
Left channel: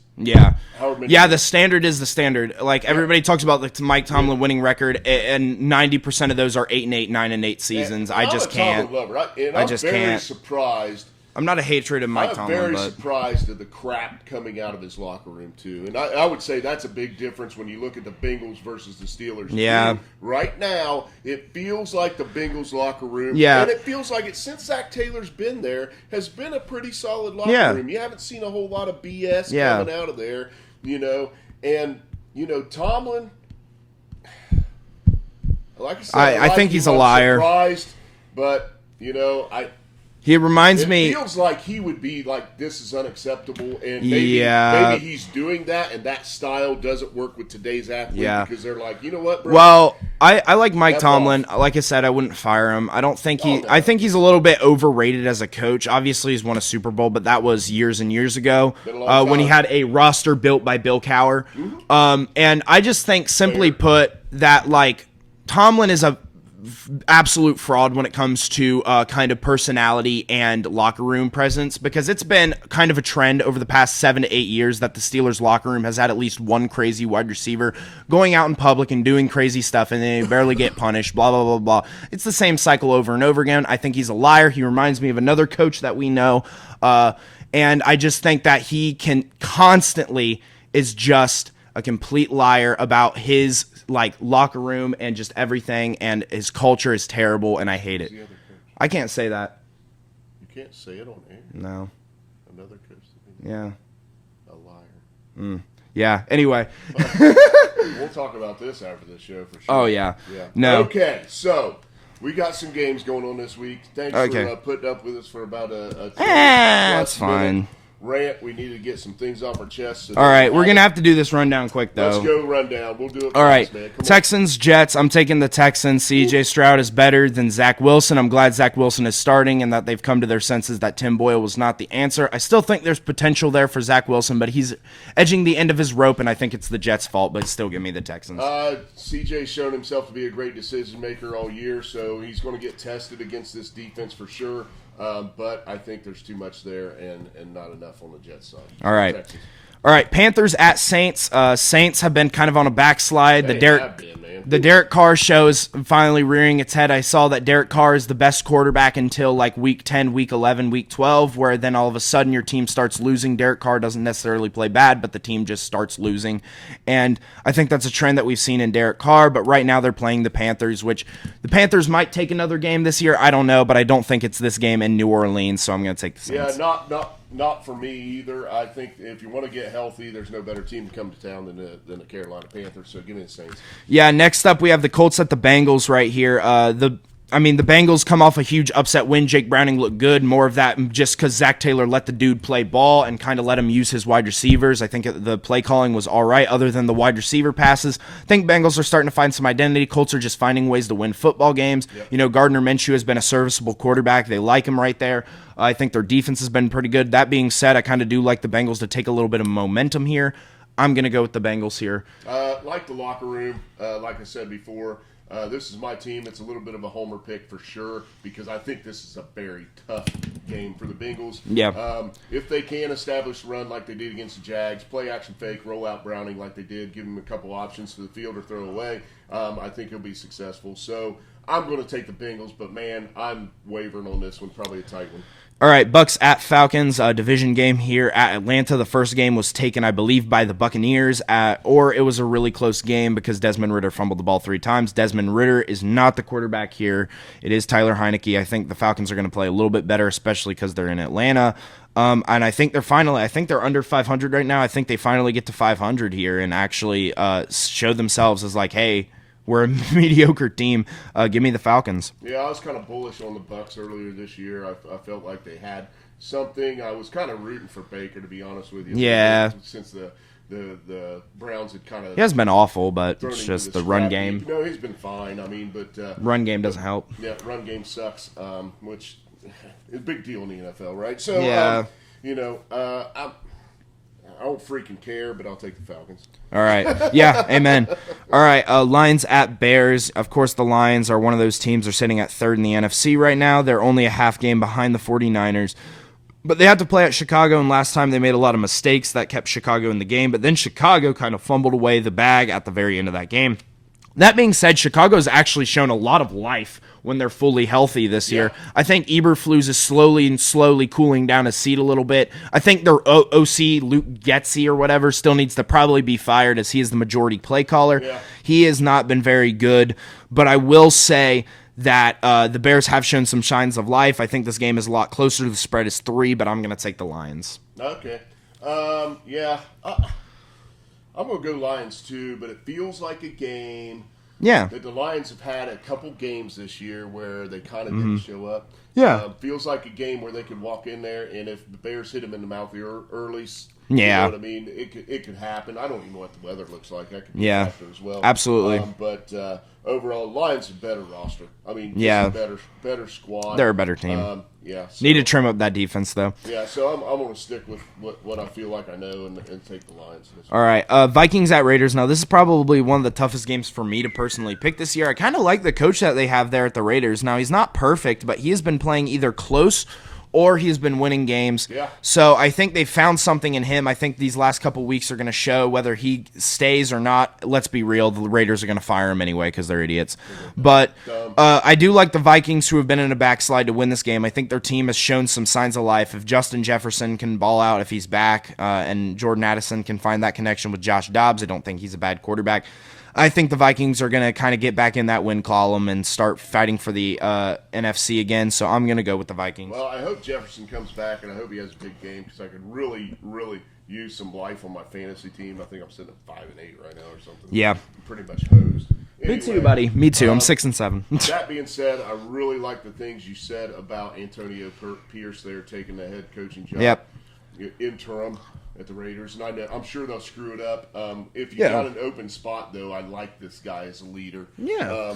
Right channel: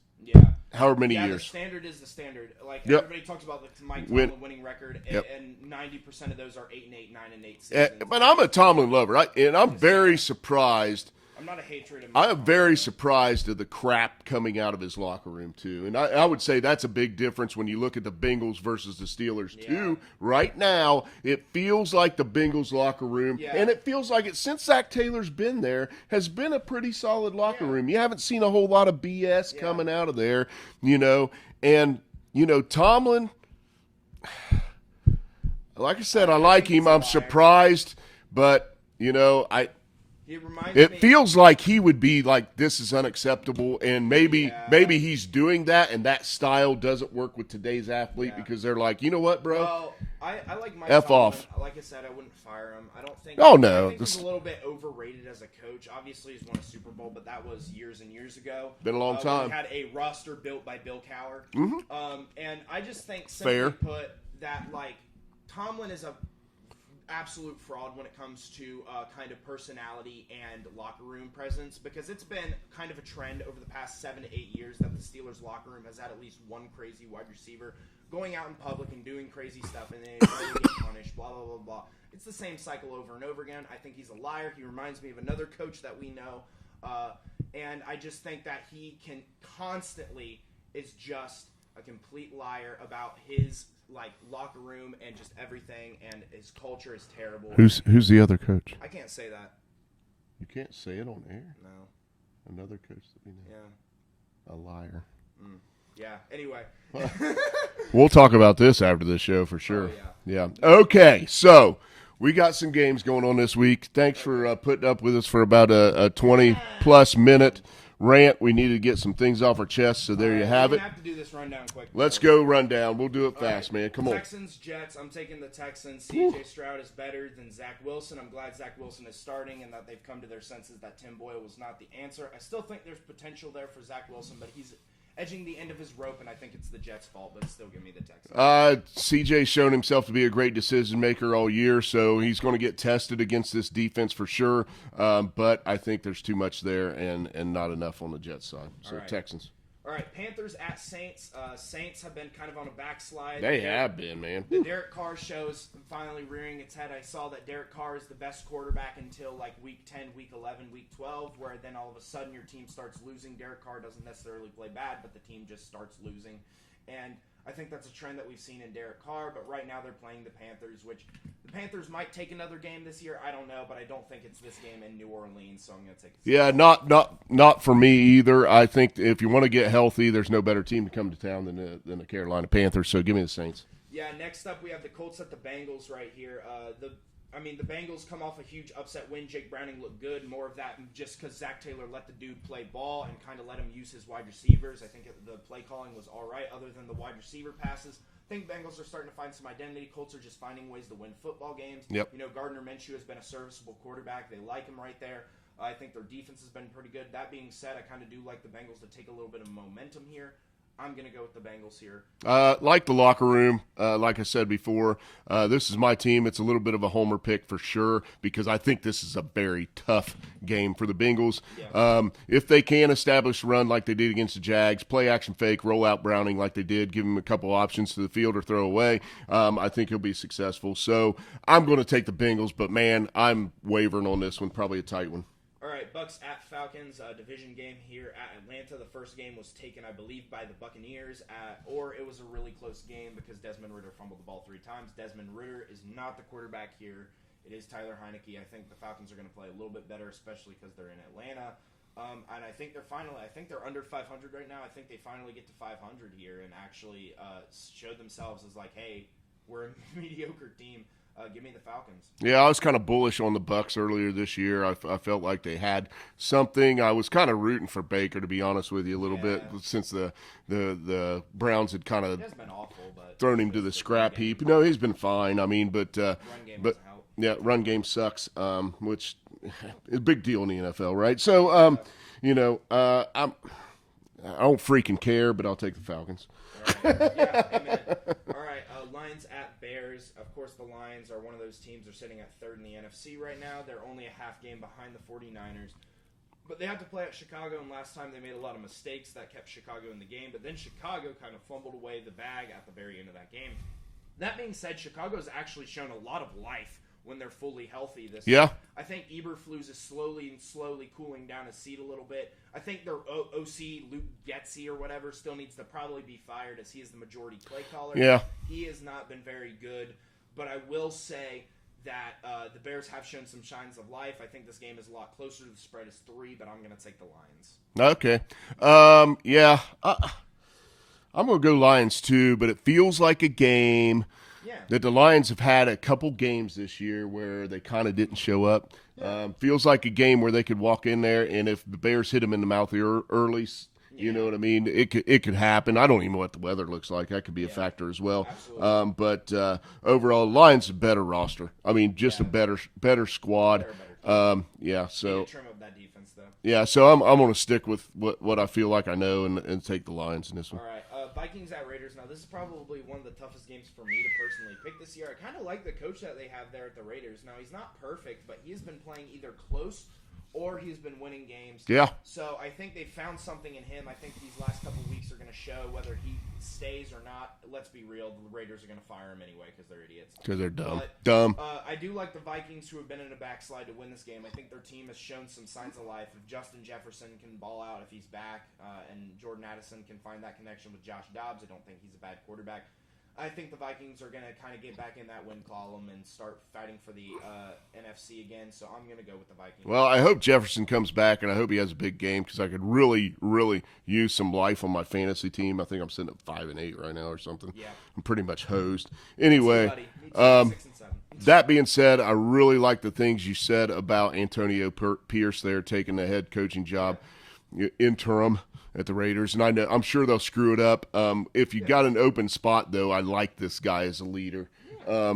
however many years. The standard is the standard. Like everybody talks about the Mike Tomlin winning record, and 90% of those are 8-8, 9-8 seasons. I'm a Tomlin lover, and I'm very surprised. I'm not a hatred of Mike Tomlin. I'm very surprised at the crap coming out of his locker room, too. And I would say that's a big difference when you look at the Bengals versus the Steelers. Yeah. Right now, it feels like the Bengals locker room, and it feels like it, since Zach Taylor's been there, has been a pretty solid locker room. You haven't seen a whole lot of BS coming out of there, And, Tomlin, like I said, I think he's a liar. I'm surprised, but, he reminds me. It feels like he would be like, this is unacceptable, and maybe he's doing that, and that style doesn't work with today's athlete because they're like, you know what, bro? Well, I like Mike Tomlin. Like I said, I wouldn't fire him. I don't think. I think he's a little bit overrated as a coach. Obviously, he's won a Super Bowl, but that was years and years ago when he had a roster built by Bill Cowher. Mm-hmm. And I just think, simply put, that Tomlin is a absolute fraud when it comes to kind of personality and locker room presence, because it's been kind of a trend over the past 7 to 8 years that the Steelers locker room has had at least one crazy wide receiver going out in public and doing crazy stuff, and they barely get punished, blah, blah, blah, blah. It's the same cycle over and over again. I think he's a liar. He reminds me of another coach that we know, and I just think that he can constantly is just a complete liar about his locker room and just everything, and his culture is terrible, and I hate it. Who's the other coach? I can't say that. can't say it on air. No. Another curse. Yeah. A liar. Yeah. Anyway. We'll talk about this after the show for sure. Oh, yeah. Yeah. No. Okay, so we got some games going on this week. Thanks for putting up with us for about a 20-plus minute rant. We needed to get some things off our chest. So all right, we're going to have to do this rundown quick, though. Let's go rundown. We'll do it all right, man. Come Texans, Jets. I'm taking the Texans. C.J. Stroud is better than Zach Wilson. I'm glad Zach Wilson is starting and that they've come to their senses that Tim Boyle was not the answer. I still think there's potential there for Zach Wilson, but he's edging the end of his rope, and I think it's the Jets' fault, but still give me the Texans. C.J.'s shown himself to be a great decision-maker all year, so he's going to get tested against this defense for sure. But I think there's too much there and not enough on the Jets side. All right. Texans. All right, Panthers at Saints. Saints have been kind of on a backslide. The Derek Carr show is finally rearing its head. I saw that Derek Carr is the best quarterback until like week 10, week 11, week 12, where then all of a sudden your team starts losing. Derek Carr doesn't necessarily play bad, but the team just starts losing. And I think that's a trend that we've seen in Derek Carr, but right now they're playing the Panthers, which the Panthers might take another game this year. I don't know, but I don't think it's this game in New Orleans, so I'm going to take the Saints. Yeah, not for me either. I think if you want to get healthy, there's no better team to come to town than the Carolina Panthers. So give me the Saints. Yeah, next up we have the Colts at the Bengals right here. The Bengals come off a huge upset win. Jake Browning looked good. More of that just because Zach Taylor let the dude play ball and kind of let him use his wide receivers. I think the play calling was all right other than the wide receiver passes. I think Bengals are starting to find some identity. Colts are just finding ways to win football games. Yep. Gardner Minshew has been a serviceable quarterback. They like him right there. I think their defense has been pretty good. That being said, I kind of do like the Bengals to take a little bit of momentum here. I'm going to go with the Bengals here. Like the locker room, like I said before, this is my team. It's a little bit of a homer pick for sure because I think this is a very tough game for the Bengals. Yeah. If they can establish a run like they did against the Jags, play action fake, roll out Browning like they did, give him a couple options to the field or throw away, I think he'll be successful. So I'm going to take the Bengals, but, man, I'm wavering on this one, probably a tight one. All right, Bucks at Falcons, division game here at Atlanta. The first game was taken, I believe, by the Buccaneers, or it was a really close game because Desmond Ridder fumbled the ball 3 times. Desmond Ridder is not the quarterback here. It is Tyler Heineke. I think the Falcons are going to play a little bit better, especially because they're in Atlanta. And I think they're under 500 right now. I think they finally get to 500 here and actually show themselves as like, hey, we're a mediocre team. Give me the Falcons. Yeah, I was kind of bullish on the Bucs earlier this year. I felt like they had something. I was kind of rooting for Baker, to be honest with you. Yeah. Since the Browns had kind of. He has been awful, but it's just the run game. No, he's been fine. I mean, but run game doesn't help. Yeah, run game sucks, which is a big deal in the NFL, right? So, yeah. I don't freaking care, but I'll take the Falcons. All right. Yeah, amen. All right, Lions at Bears. Of course, the Lions are one of those teams that are sitting at third in the NFC right now. They're only a half game behind the 49ers. But they had to play at Chicago, and last time they made a lot of mistakes that kept Chicago in the game. But then Chicago kind of fumbled away the bag at the very end of that game. That being said, Chicago's actually shown a lot of life when they're fully healthy this year. I think Eberflus is slowly cooling down his seat a little bit. I think their OC, Luke Getsy or whatever, still needs to probably be fired as he is the majority play caller. Yeah. He has not been very good, but I will say that the Bears have shown some signs of life. I think this game is a lot closer. The spread is 3, but I'm going to take the Lions. Okay. I'm going to go Lions too, but it feels like a game that the Lions have had a couple games this year where they kind of didn't show up. Yeah. Feels like a game where they could walk in there, and if the Bears hit them in the mouth early, yeah. You know what I mean? It could happen. I don't even know what the weather looks like. That could be a factor as well. Absolutely. But overall, Lions a better roster. I mean, just a better squad. They're a better team. So, need to trim up that defense, though. Yeah, so I'm going to stick with what I feel like I know and take the Lions in this one. All right, Vikings at Raiders. Now, this is probably one of the toughest games for me to personally pick this year. I kind of like the coach that they have there at the Raiders. Now, he's not perfect, but he has been playing either close or he's been winning games. Yeah. So I think they found something in him. I think these last couple weeks are going to show whether he stays or not. Let's be real. The Raiders are going to fire him anyway because they're idiots. But I do like the Vikings, who have been in a backslide, to win this game. I think their team has shown some signs of life. If Justin Jefferson can ball out, if he's back, and Jordan Addison can find that connection with Josh Dobbs, I don't think he's a bad quarterback. I think the Vikings are going to kind of get back in that win column and start fighting for the NFC again. So I'm going to go with the Vikings. Well, I hope Jefferson comes back, and I hope he has a big game because I could really, really use some life on my fantasy team. I think I'm sitting at 5-8 right now or something. Yeah. I'm pretty much hosed. Anyway. Me too, buddy. Me too. I'm 6-7. That being said, I really like the things you said about Antonio Pierce there taking the head coaching job interim at the Raiders, and I'm sure they'll screw it up. If you got an open spot, though, I like this guy as a leader. Yeah,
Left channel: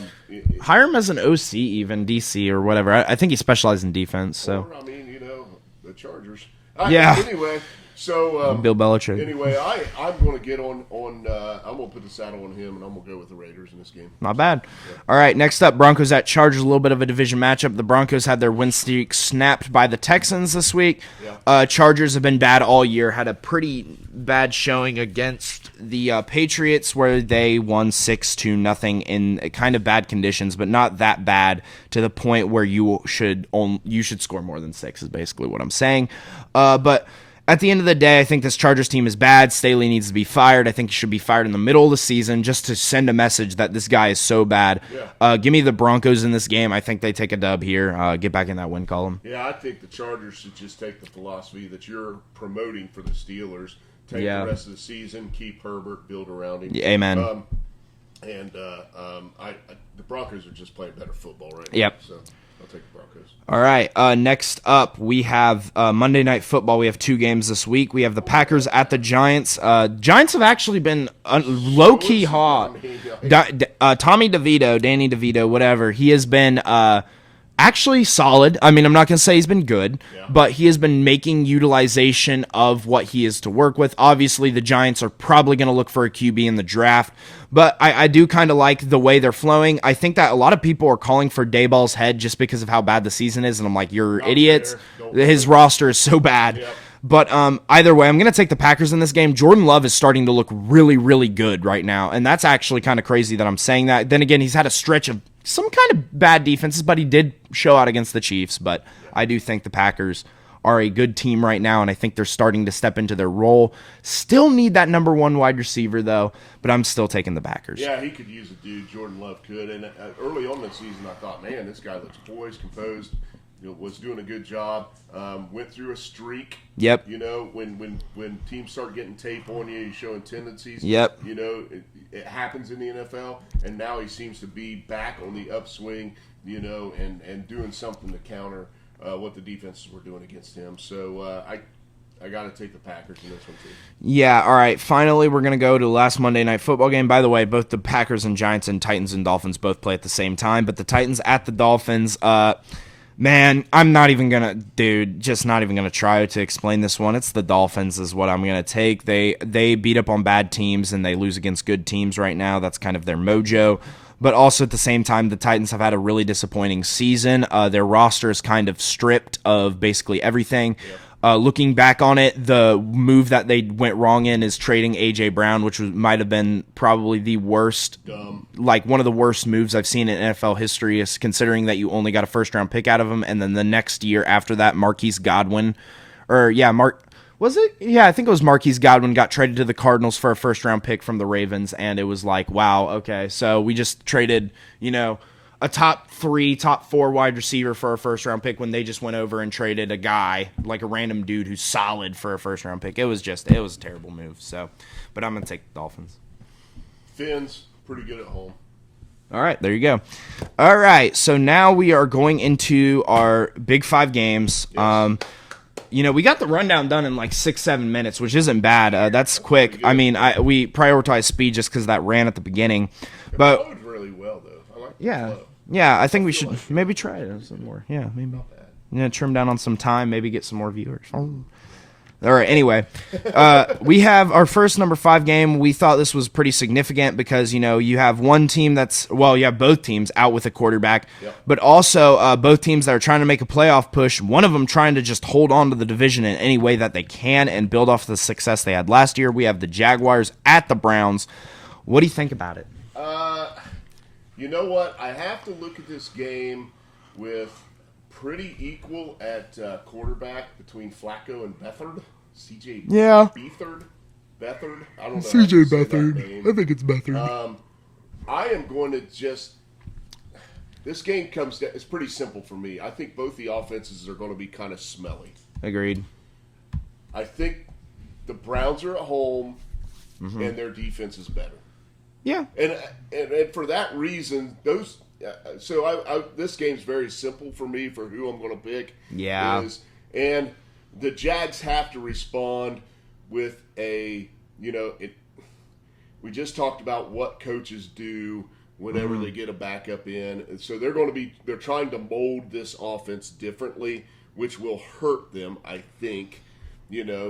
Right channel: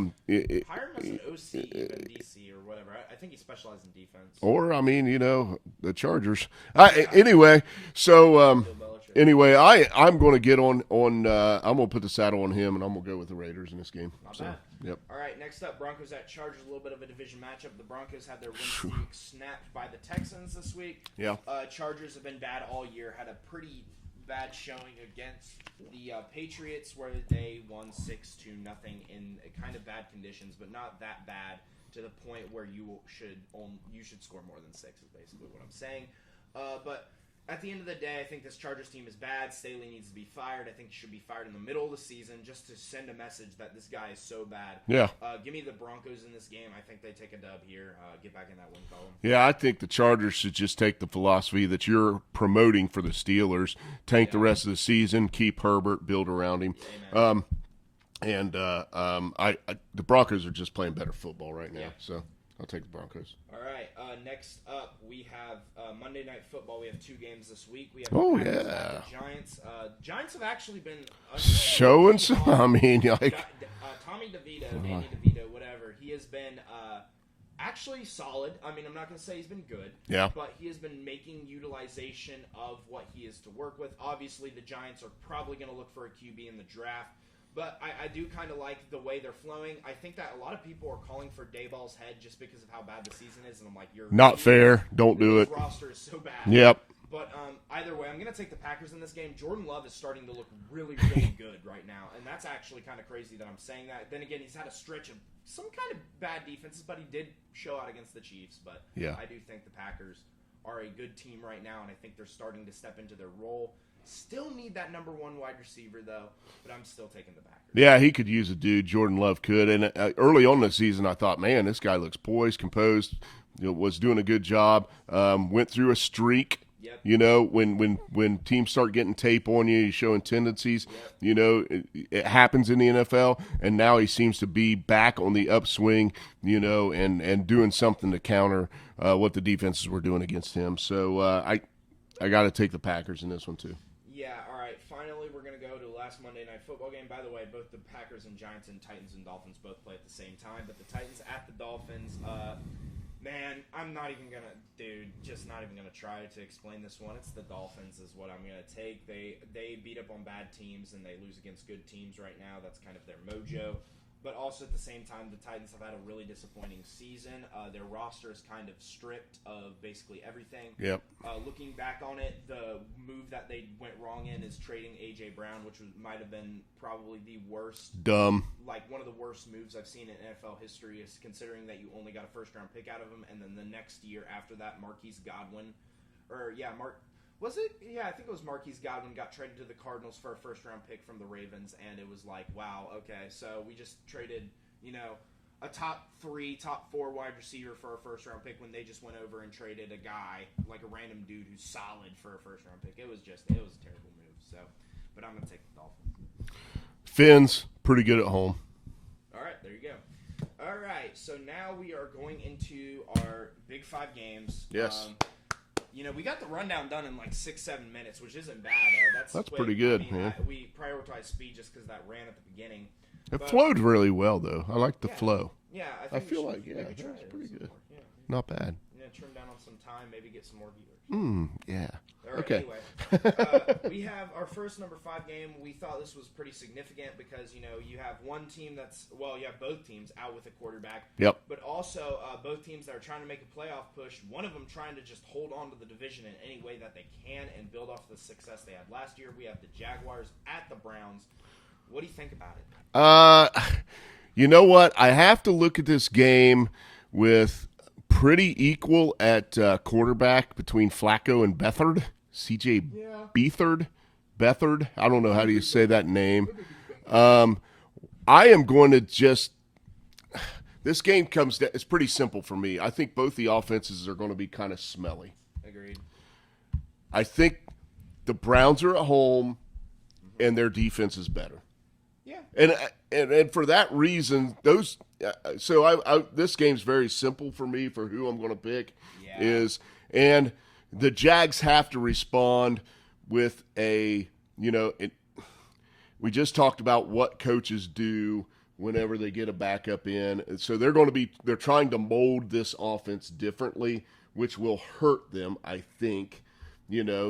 hire him as an OC, even DC or whatever. I think he specializes in defense. So. Or the Chargers. Anyway, so Bill Belichick. Anyway, I'm going to get on. I'm going to put the saddle on him, and I'm going to go with the Raiders in this game. Not bad. Yep. All right, next up, Broncos at Chargers. A little bit of a division matchup. The Broncos had their win streak snapped by the Texans this week. Yeah. Chargers have been bad all year. Had a pretty bad showing against the Patriots, where they won 6-0 in kind of bad conditions, but not that bad to the point where you should score more than 6. Is basically what I'm saying. But at the end of the day, I think this Chargers team is bad. Staley needs to be fired. I think he should be fired in the middle of the season just to send a message that this guy is so bad. Yeah. Give me the Broncos in this game. I think they take a dub here. Get back in that win column. Yeah, I think the Chargers should just take the philosophy that you're promoting for the Steelers. Tank the rest of the season. Keep Herbert. Build around him. Yeah, amen. The Broncos are just playing better football right now. Yep. So I'll take the Broncos. All right. Next up, we have Monday Night Football. We have 2 games this week. We have the Packers at the Giants. Giants have actually been low-key hot. Tommy DeVito, Danny DeVito, whatever. He has been actually solid. I mean, I'm not going to say he's been good, but he has been making utilization of what he is to work with. Obviously, the Giants are probably going to look for a QB in the draft, but I do kind of like the way they're flowing. I think that a lot of people are calling for Dayball's head just because of how bad the season is, and I'm like, you're not idiots. Fair. Don't do His it. roster is so bad. Yep. But either way, I'm going to take the Packers in this game. Jordan Love is starting to look really, really good right now, and that's actually kind of crazy that I'm saying that. Then again, he's had a stretch of some kind of bad defenses, but he did show out against the Chiefs. But I do think the Packers are a good team right now, and I think they're starting to step into their role. Still need that number 1 wide receiver, though, but I'm still taking the Packers. Yeah, he could use a dude. Jordan Love could. And early on in the season, I thought, man, this guy looks poised, composed, was doing a good job. Went through a streak. Yep. When teams start getting tape on you, you're showing tendencies. Yep. It happens in the NFL, and now he seems to be back on the upswing, and doing something to counter what the defenses were doing against him. So I got to take the Packers in this one too. Yeah, all right. Finally, we're going to go to the last Monday Night Football game. By the way, both the Packers and Giants and Titans and Dolphins both play at the same time, but the Titans at the Dolphins, man, I'm not even going to try to explain this one. It's the Dolphins is what I'm going to take. They beat up on bad teams and they lose against good teams right now. That's kind of their mojo. But also at the same time, the Titans have had a really disappointing season. Their roster is kind of stripped of basically everything. Yeah. Looking back on it, the move that they went wrong in is trading A.J. Brown, which might have been probably the worst, one of the worst moves I've seen in NFL history, is considering that you only got a first-round pick out of him, and then the next year after that, Marquise Godwin, was it? Yeah, I think it was Marquise Godwin got traded to the Cardinals for a first-round pick from the Ravens, and it was like, wow, okay, so we just traded, a top 3, top 4 wide receiver for a first-round pick when they just went over and traded a guy, like a random dude who's solid for a first-round pick. It was a terrible move, so, but I'm going to take the Dolphins. Fins, pretty good at home. All right, there you go. All right, so now we are going into our Big 5 games. Yes. We got the rundown done in like 6-7 minutes, which isn't bad. That's quick. I mean, we prioritize speed just because that ran at the beginning. It flowed really well, though. I like the flow. Yeah, I think we should maybe try it some more. Yeah, maybe. Not bad. Trim down on some time, maybe get some more viewers. Yeah. All right, anyway, we have our first number 5 game. We thought this was pretty significant because, you have one team you have both teams out with a quarterback, but also both teams that are trying to make a playoff push, one of them trying to just hold on to the division in any way that they can and build off the success they had last year. We have the Jaguars at the Browns. What do you think about it? You know what? I have to look at this game with pretty equal at quarterback between Flacco and Beathard. CJ Beathard. I don't know how you say that name. I think it's Beathard. I am going to just – this game comes down – it's pretty simple for me. I think both the offenses are going to be kind of smelly. Agreed. I think the Browns are at home, and their defense is better. Yeah. And for that reason, those – so this game's very simple for me for who I'm going to pick. Yeah. And the Jags have to respond with a – we just talked about what coaches do whenever they get a backup in. And so they're trying to mold this offense differently, which will hurt them, I think.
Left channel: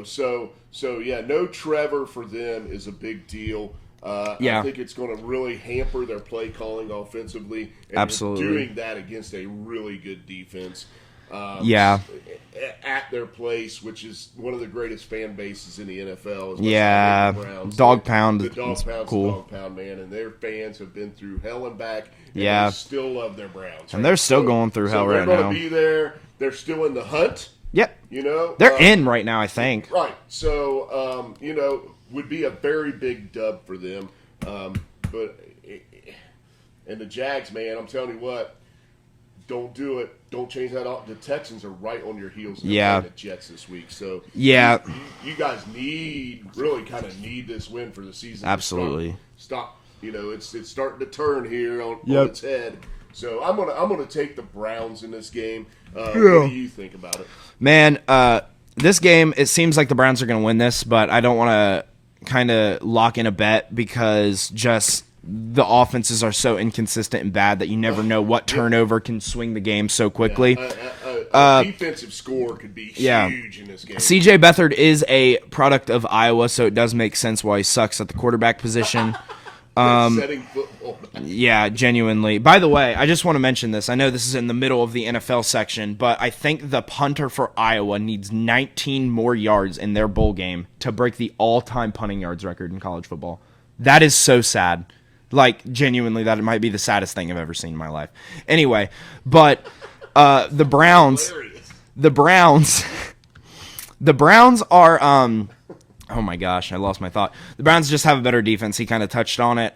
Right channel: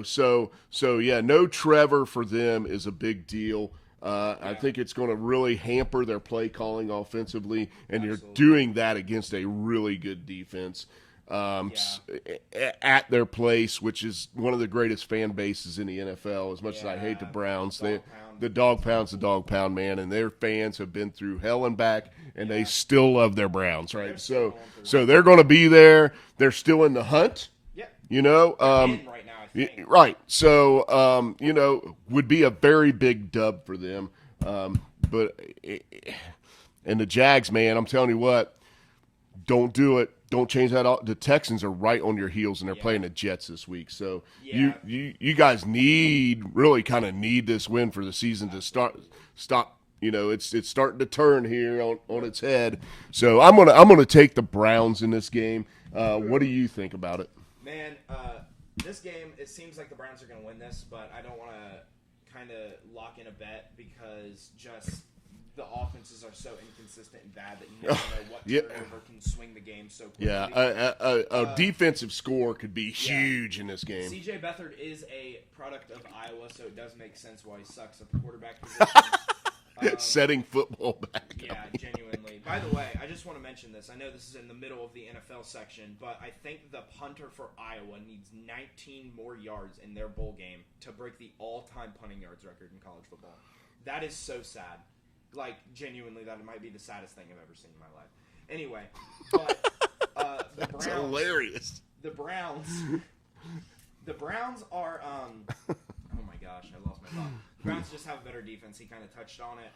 So yeah, no Trevor for them is a big deal. I think it's going to really hamper their play calling offensively. And Absolutely. You're doing that against a really good defense. At their place, which is one of the greatest fan bases in the NFL. The Browns. Dog Pound. The Dog Pound's cool. The Dog Pound, man, and their fans have been through hell and back, and they still love their Browns. Right? And they're still going through hell. So they're going to be there. They're still in the hunt. Yep. They're in right now, I think. Right. So, would be a very big dub for them. And the Jags, man, I'm telling you what, don't do it. Don't change that. The Texans are right on your heels, and they're playing the Jets this week. So you guys really kind of need this win for the season. Absolutely. To stop. It's starting to turn here on its head. So I'm gonna take the Browns in this game. What do you think about it, man? This game, it seems like the Browns are going to win this, but I don't want to kind of lock in a bet because just the offenses are so inconsistent and bad that you never know what turnover can swing the game so quickly. A defensive score could be huge in this game. CJ Beathard is a product of Iowa, so it does make sense why he sucks at the quarterback position. Setting football back. Yeah, genuinely. By the way, I just want to mention this. I know this is in the middle of the NFL section, but I think the punter for Iowa needs 19 more yards in their bowl game to break the all-time punting yards record in college football. That is so sad. Like, genuinely, that might be the saddest thing I've ever seen in my life. Anyway, but the Browns are oh my gosh, I lost my thought. The Browns just have a better defense. He kind of touched on it.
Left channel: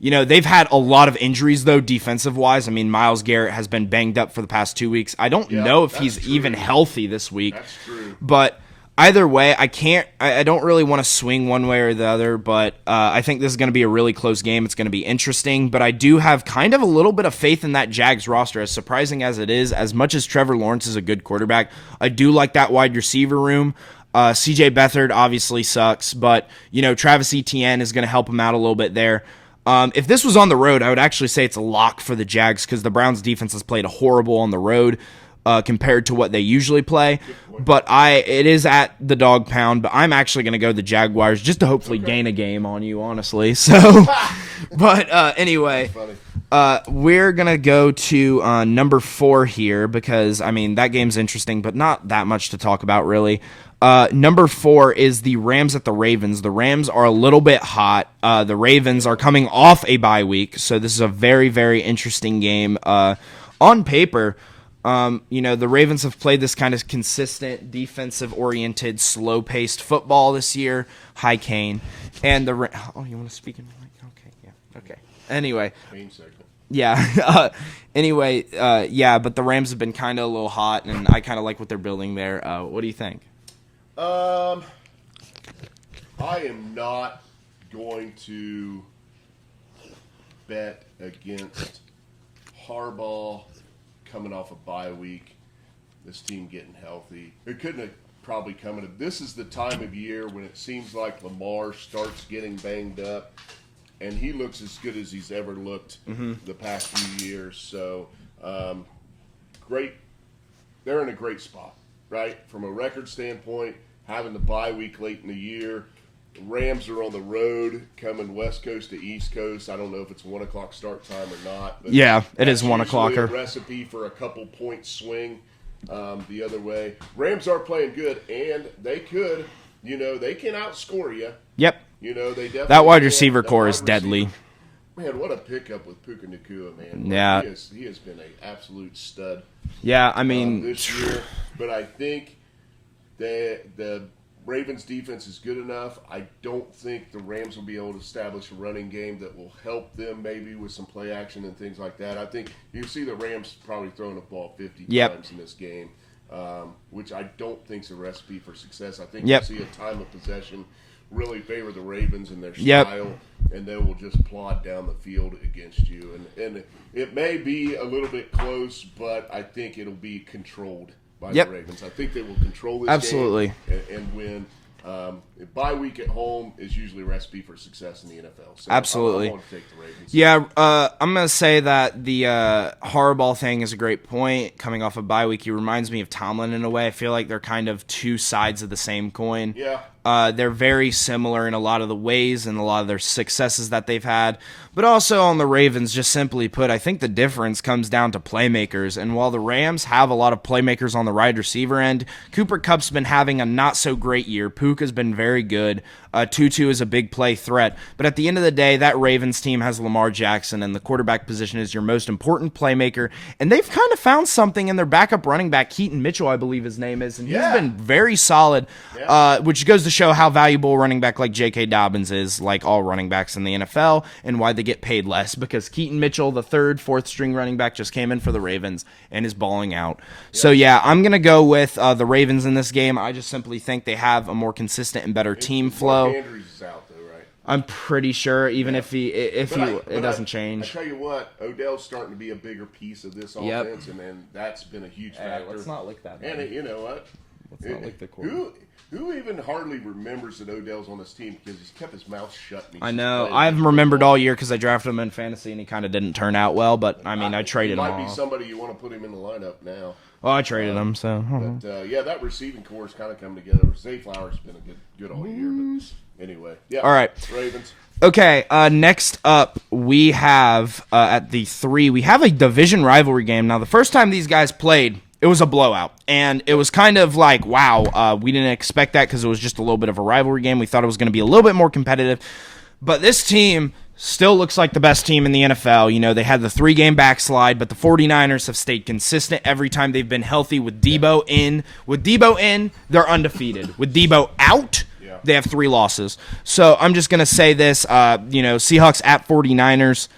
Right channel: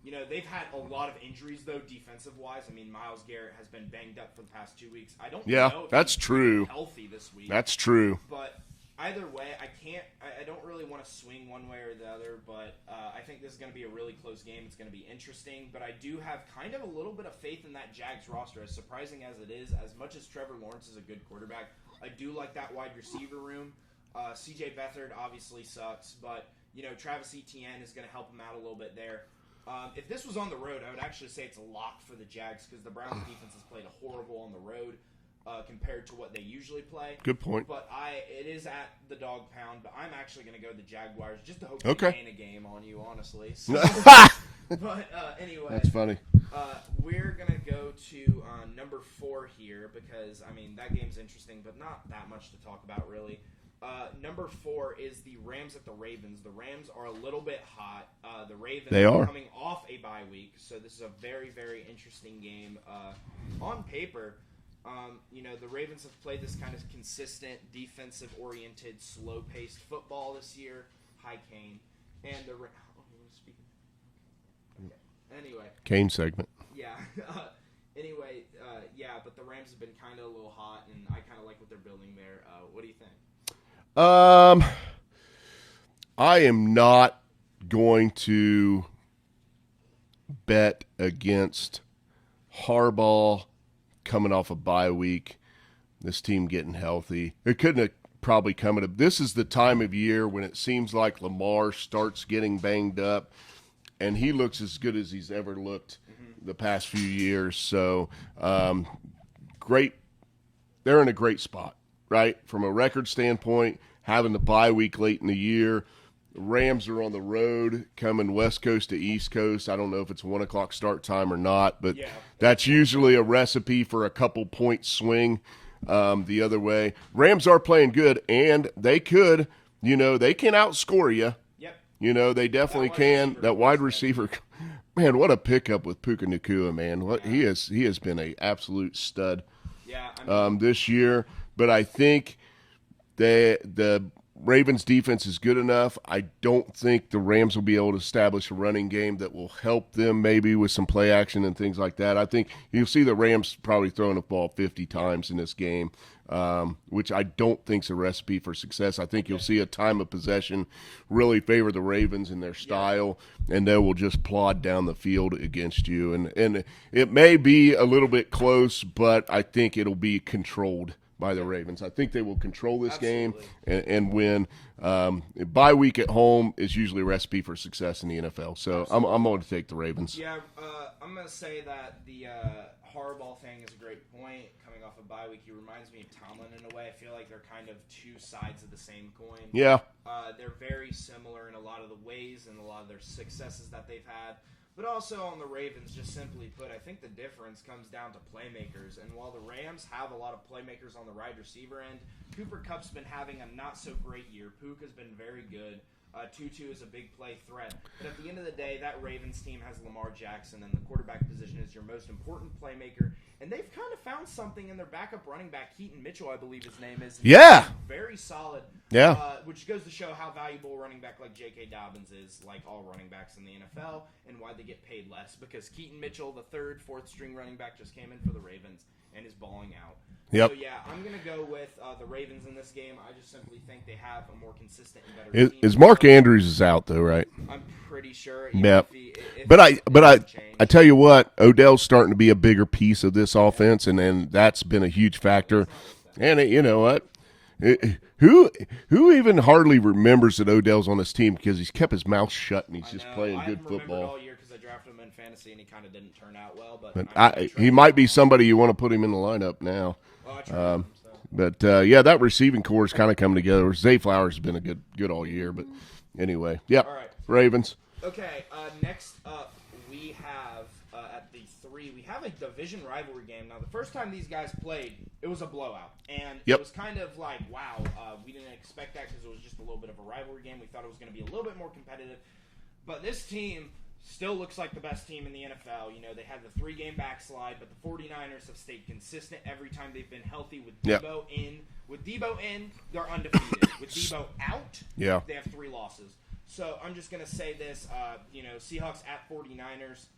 They've had a lot of injuries, though, defensive-wise. I mean, Myles Garrett has been banged up for the past 2 weeks. I don't know if he's even healthy this week. That's true. But either way, I don't really want to swing one way or the other, but I think this is going to be a really close game. It's going to be interesting, but I do have kind of a little bit of faith in that Jags roster, as surprising as it is. As much as Trevor Lawrence is a good quarterback, I do like that wide receiver room. CJ Beathard obviously sucks, but Travis Etienne is going to help him out a little bit there. If this was on the road, I would actually say it's a lock for the Jags because the Browns defense has played horrible on the road compared to what they usually play. Good point. But it is at the Dog Pound, but I'm actually going to go the Jaguars just to hopefully gain a game on you, honestly. So, but anyway. Funny. We're going to go to number 4 here because, I mean, that game's interesting, but not that much to talk about, really. Number 4 is the Rams at the Ravens. The Rams are a little bit hot. The Ravens are coming off a bye week, so this is a very, very interesting game. On paper, the Ravens have played this kind of consistent, defensive-oriented, slow-paced football this year. Hi, Kane. And you want to speak in the mic? Okay, yeah, okay. Anyway. Kane segment. Yeah. But the Rams have been kind of a little hot, and I kind of like what they're building there. What do you think? I am not going to bet against Harbaugh coming off a bye week, this team getting healthy. It couldn't have probably come at this is the time of year when it seems like Lamar starts getting banged up, and he looks as good as he's ever looked the past few years. So, great. They're in a great spot, right? From a record standpoint, having the bye week late in the year. The Rams are on the road, coming West Coast to East Coast. I don't know if it's 1 o'clock start time or not, but yeah, it is 1 o'clock. That's usually a recipe for a couple point swing the other way. Rams are playing good, and they could, they can outscore you. Yep. They definitely that wide can. receiver core is deadly. Man, what a pickup with Puka Nacua, man. Yeah. He has been an absolute stud. Yeah, I mean this year, but I think the Ravens defense is good enough. I don't think the Rams will be able to establish a running game that will help them maybe with some play action and things like that. I think you'll see the Rams probably throwing the ball 50 times in this game, which I don't think is a recipe for success. I think you'll see a time of possession really favor the Ravens and their style, and they will just plod down the field against you. And it may be a little bit close, but I think it'll be controlled by the Ravens. I think they will control this game and win. Bye week at home is usually a recipe for success in the NFL. So I'm going to take the Ravens. Yeah, I'm going to say that the Harbaugh thing is a great point. Coming off of bye week, he reminds me of Tomlin in a way. I feel like they're kind of two sides of the same coin. Yeah. They're very similar in a lot of the ways and a lot of their successes that they've had. But also on the Ravens, just simply put, I think the difference comes down to playmakers. And while the Rams have a lot of playmakers on the wide receiver end, Cooper Kupp's been having a not-so-great year. Puka's been very good. Tutu is a big play threat. But at the end of the day, that Ravens team has Lamar Jackson, and the quarterback position is your most important playmaker. And they've kind of found something in their backup running back, Keaton Mitchell, I believe his name is. And he's been very solid, which goes to show how valuable a running back like J.K. Dobbins is, like all running backs in the NFL, and why they get paid less. Because Keaton Mitchell, the third, fourth-string running back, just came in for the Ravens and is balling out. So, yeah, I'm going to go with the Ravens in this game. I just simply think they have a more consistent and better team flow. Mark Andrews is out though, right? I'm pretty sure, even if it doesn't doesn't change. I tell you what, Odell's starting to be a bigger piece of this offense, and that's been a huge factor. Let's not look that and you know what? Who even hardly remembers that Odell's on this team because he's kept his mouth shut. And I know. I've remembered all year because I drafted him in fantasy and he kind of didn't turn out well. But I mean, I traded him. He might be somebody you want to put him in the lineup now. Well, I traded him, so. But yeah, that receiving core is kind of coming together. Zay Flowers has been a good all year, but anyway, yeah. All right, Ravens. Okay, next up we have at the 3, we have a division rivalry game. Now, the first time these guys played, it was a blowout, and it was kind of like, wow, we didn't expect that because it was just a little bit of a rivalry game. We thought it was going to be a little bit more competitive, but this team still looks like the best team in the NFL. You know, they had the 3-game backslide, but the 49ers have stayed consistent every time they've been healthy with Debo in. With Debo in, they're undefeated. With Debo out, they have 3 losses. So I'm just going to say this, Seahawks at 49ers.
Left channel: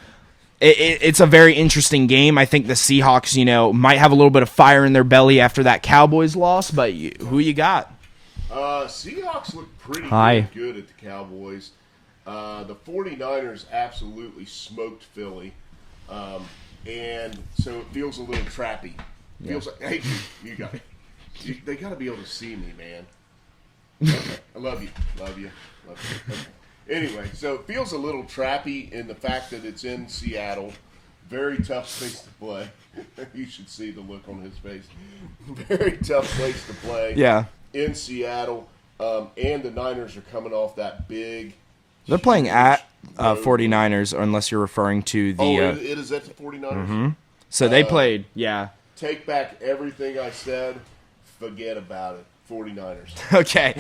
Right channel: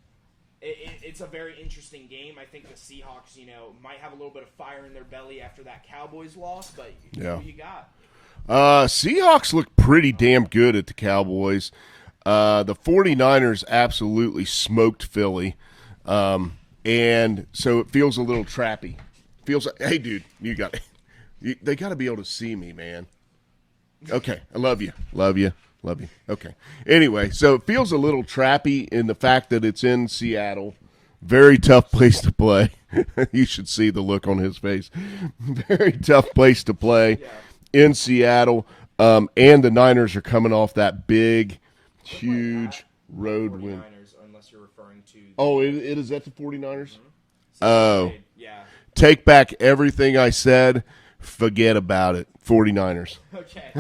It's a very interesting game. I think the Seahawks, might have a little bit of fire in their belly after that Cowboys loss, but who you got? Seahawks look pretty damn good at the Cowboys. The 49ers absolutely smoked Philly, and so it feels a little trappy. Feels like, hey, dude, you got it. They got to be able to see me, man. Okay, I love you. Okay. Anyway, so it feels a little trappy in the fact that it's in Seattle. Very tough place to play. You should see the look on his face. Very tough place to play. Yeah. In Seattle, and the Niners are coming off that big. They're playing at 49ers, unless you're referring to the... Oh, it is at the 49ers? Mm-hmm. So they played, Take back everything I said. Forget about it. 49ers. Okay.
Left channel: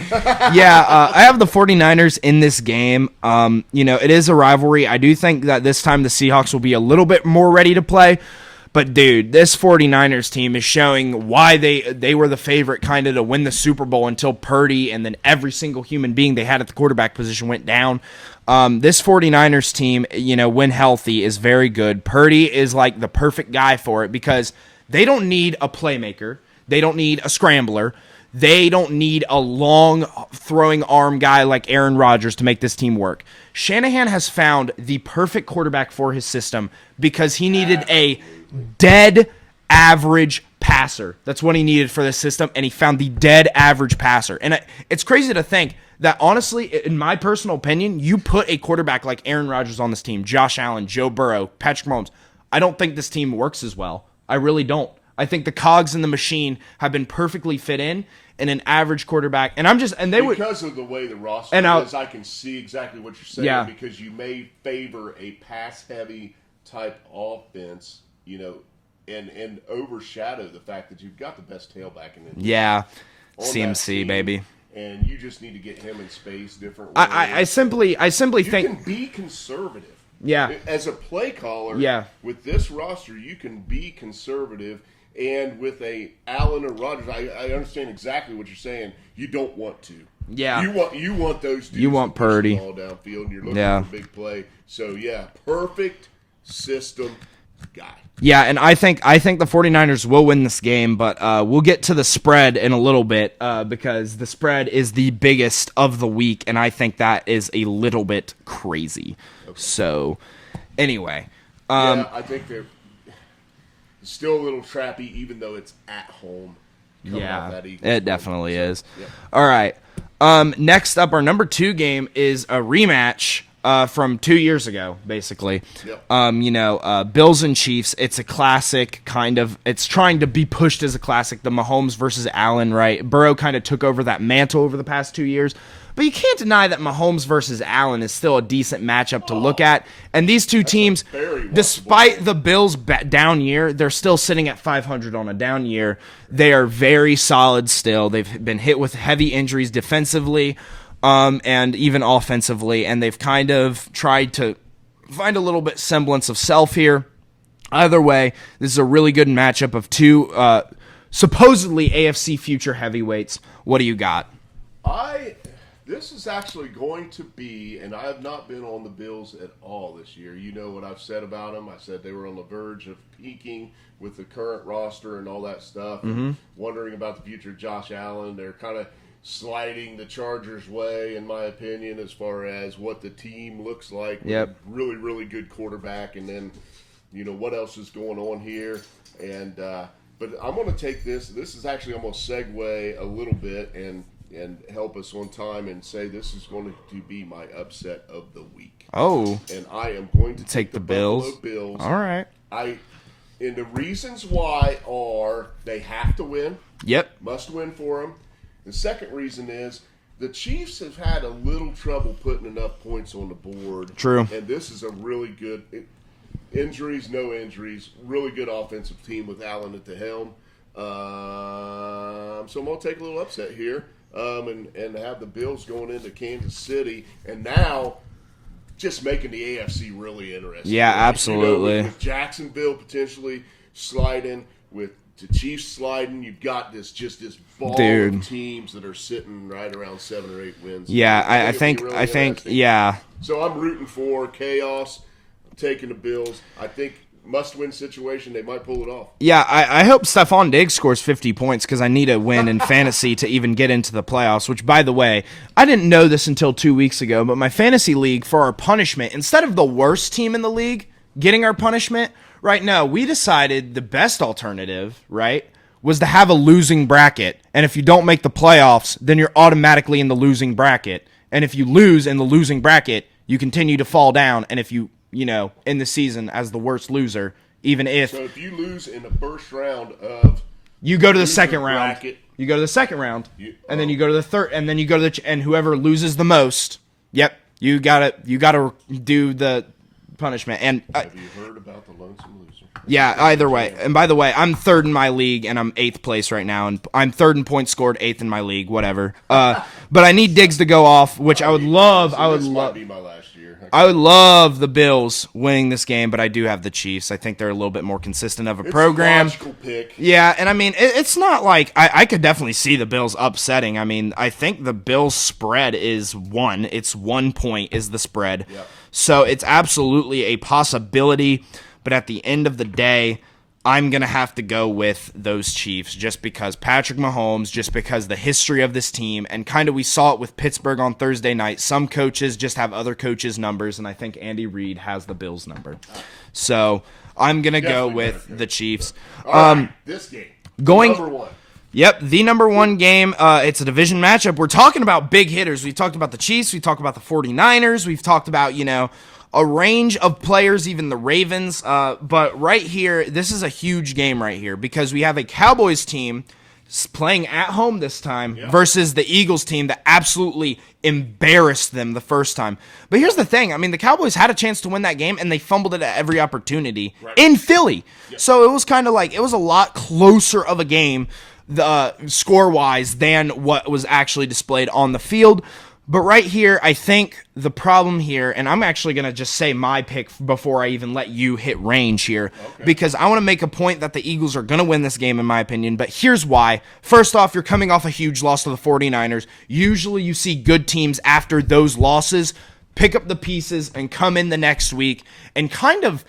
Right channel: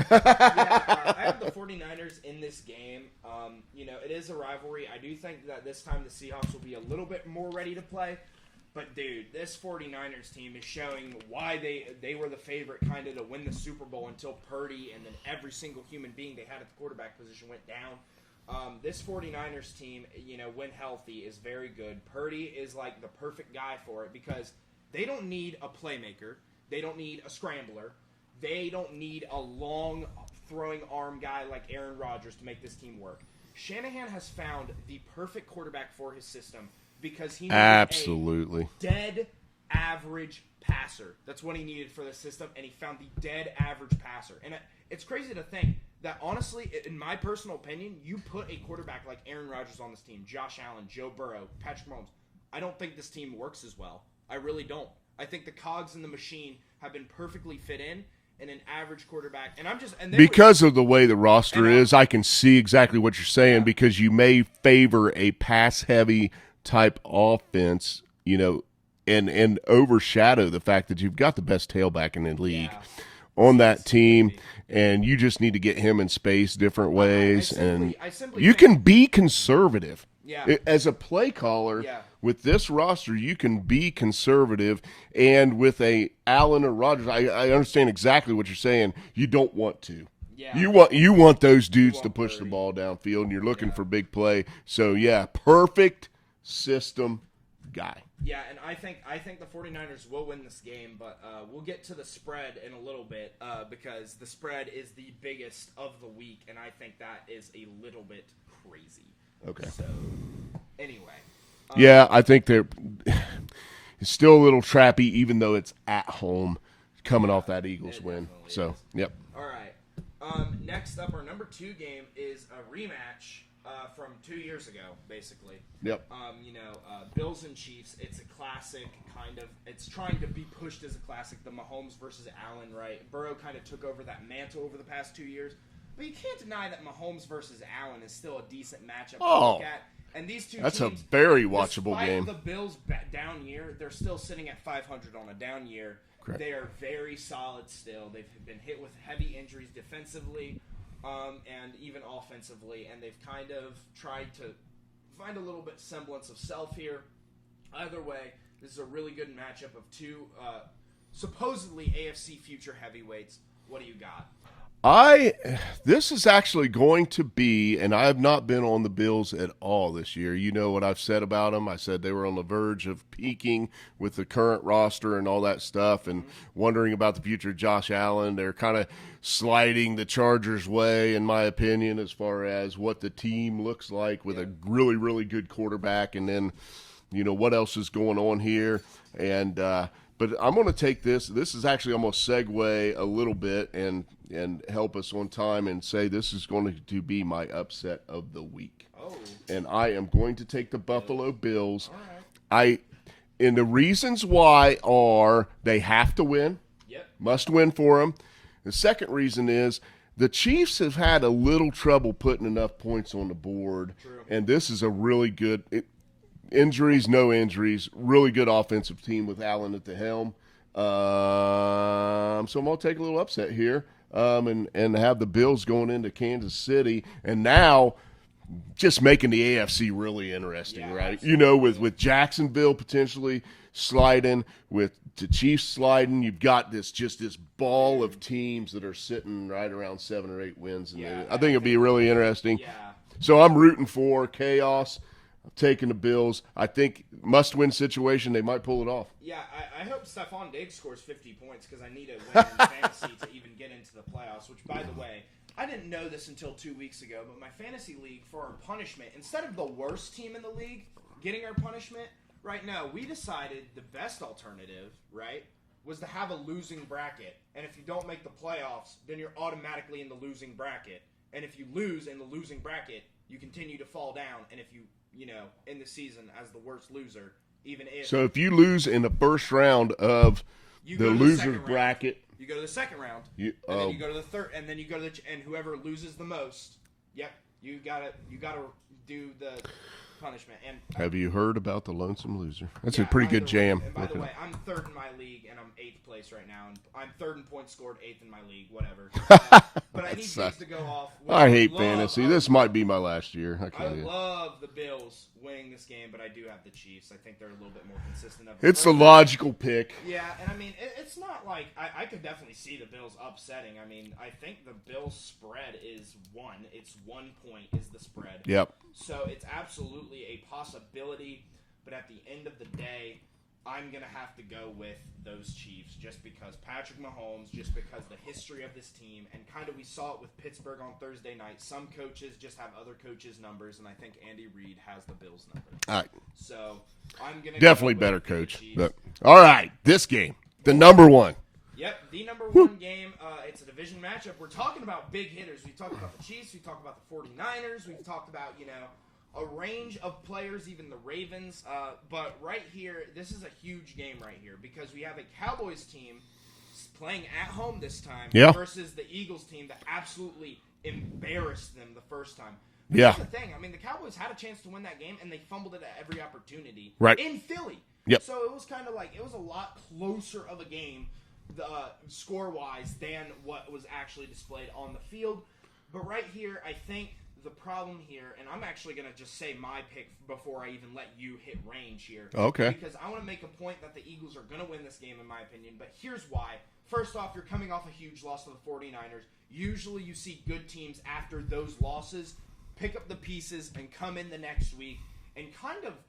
Yeah, I have the 49ers in this game. It is a rivalry. I do think that this time the Seahawks will be a little bit more ready to play. But, dude, this 49ers team is showing why they were the favorite kind of to win the Super Bowl until Purdy and then every single human being they had at the quarterback position went down. This 49ers team, when healthy, is very good. Purdy is like the perfect guy for it because they don't need a playmaker. They don't need a scrambler. They don't need a long throwing arm guy like Aaron Rodgers to make this team work. Shanahan has found the perfect quarterback for his system because he needed a dead average passer. That's what he needed for this system, and he found the dead average passer. And it's crazy to think that, honestly, in my personal opinion, you put a quarterback like Aaron Rodgers on this team, Josh Allen, Joe Burrow, Patrick Mahomes, I don't think this team works as well. I really don't. I think the cogs in the machine have been perfectly fit in, and an average quarterback. And I'm just because of the way the roster is, I can see exactly what you're saying because you may favor a pass-heavy type offense, and overshadow the fact that you've got the best tailback in the league. Yeah. On CMC, that team, baby. And you just need to get him in space different ways. I simply you think, can be conservative. Yeah. As a play caller, with this roster, you can be conservative. And with a Allen or Rodgers, I understand exactly what you're saying. You don't want to. Yeah. You want those dudes want to push Purdy. the ball downfield, and you're looking for big play. So, yeah, perfect system guy. Yeah, and I think the 49ers will win this game, but we'll get to the spread in a little bit because the spread is the biggest of the week, and I think that is a little bit crazy. Okay. So, anyway. Yeah, I think it's still a little trappy, even though it's at home coming off that Eagles. It definitely is. Yep. All right. Next up, our number 2 game is a rematch from 2 years ago, basically. Yep. Bills and Chiefs. It's a classic, kind of. It's trying to be pushed as a classic. The Mahomes versus Allen, right? Burrow kind of took over that mantle over the past 2 years. But you can't deny that Mahomes versus Allen is still a decent matchup to look at. And these two teams, despite the Bills' down year, they're still sitting at 500 on a down year. Right. They are very solid still. They've been hit with heavy injuries defensively and even offensively, and they've kind of tried to find a little bit semblance of self here. Either way, this is a really good matchup of two supposedly AFC future heavyweights. What do you got? This is actually going to be, and I have not been on the Bills at all this year. You know what I've said about them. I said they were on the verge of peaking with the current roster and all that stuff, and wondering about the future of Josh Allen. They're kind of sliding the Chargers' way, in my opinion, as far as what the team looks like with a really, really good quarterback. And then, what else is going on here? And but I'm going to take this. This is actually almost segue a little bit and help us on time and say this is going to be my upset of the week. Oh. And I am going to take the Buffalo Bills. All right. And the reasons why are they have to win. Yep. Must win for them. The second reason is the Chiefs have had a little trouble putting enough points on the board. True. And this is a really good injuries, no injuries, really good offensive team with Allen at the helm. So I'm going to take a little upset here. And have the Bills going into Kansas City, and now just making the AFC really interesting. Yeah, right? absolutely. With Jacksonville potentially sliding, with the Chiefs sliding, you've got this ball of teams that are sitting right around 7 or 8 wins. Yeah, I think yeah. So I'm rooting for chaos. I'm taking the Bills. I think must-win situation, they might pull it off. Yeah, I hope Stephon Diggs scores 50 points because I need a win in fantasy to even get into the playoffs, which, by the way, I didn't know this until 2 weeks ago, but my fantasy league, for our punishment, instead of the worst team in the league getting our punishment, right now, we decided the best alternative, right, was to have a losing bracket. And if you don't make the playoffs, then you're automatically in the losing bracket. And if you lose in the losing bracket, you continue to fall down. And if you in the season as the worst loser, even if... So if you lose in the first round of... You go to the second round. You go to the second round, and then you go to the third, and then you go to and whoever loses the most, you gotta do the punishment. And have you heard about the lonesome loser? That's either way. And by the way, I'm third in my league, and I'm 8th place right now, and I'm third in points scored, 8th in my league, whatever. But I need Diggs to go off, which I would love. This might be my last year. I would love the Bills winning this game, but I do have the Chiefs. I think they're a little bit more consistent of a program. It's a logical pick. Yeah, and I mean, it's not like I could definitely see the Bills upsetting. I mean, I think the Bills spread is 1. It's 1 point is the spread. Yep. So it's absolutely a possibility, but at the end of the day, I'm going to have to go with those Chiefs just because Patrick Mahomes, just because the history of this team, and kind of we saw it with Pittsburgh on Thursday night. Some coaches just have other coaches' numbers, and I think Andy Reid has the Bills' number. All right. So I'm going to go with the Chiefs. All right, this game, number 1. Yep, the number 1 game. It's a division matchup. We're talking about big hitters. We've talked about the Chiefs. We've talked about the 49ers. We've talked about, a range of players, even the Ravens. But right here, this is a huge game right here because we have a Cowboys team playing at home this time versus the Eagles team that absolutely embarrassed them the first time. But here's the thing. I mean, the Cowboys had a chance to win that game, and they fumbled it at every opportunity in Philly. Yep. So it was kind of like it was a lot closer of a game score-wise than what was actually displayed on the field. But right here, I think the problem here, and I'm actually going to just say my pick before I even let you hit range here. Okay. Because I want to make a point that the Eagles are going to win this game, in my opinion. But here's why. First off, you're coming off a huge loss to the 49ers. Usually you see good teams after those losses pick up the pieces and come in the next week and kind of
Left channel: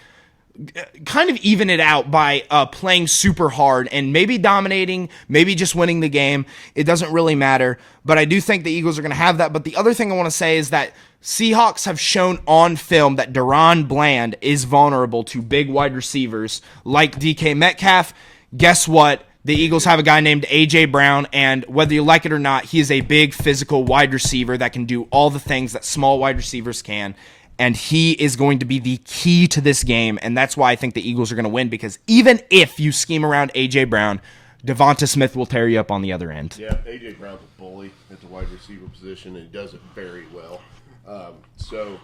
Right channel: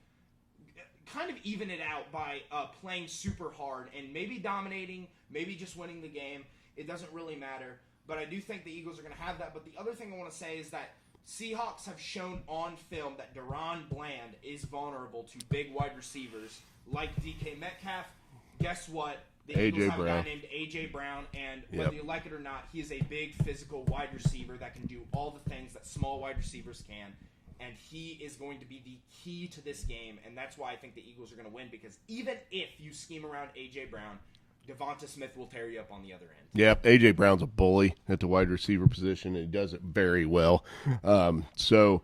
even it out by playing super hard and maybe dominating, maybe just winning the game. It doesn't really matter. But I do think the Eagles are going to have that. But the other thing I want to say is that Seahawks have shown on film that Deron Bland is vulnerable to big wide receivers like DK Metcalf. Guess what? The Eagles have a guy named A.J. Brown, and whether you like it or not, he is a big physical wide receiver that can do all the things that small wide receivers can. And he is going to be the key to this game, and that's why I think the Eagles are going to win, because even if you scheme around A.J. Brown, Devonta Smith will tear you up on the other end. Yeah, A.J. Brown's a bully at the wide receiver position, and he does it very well. So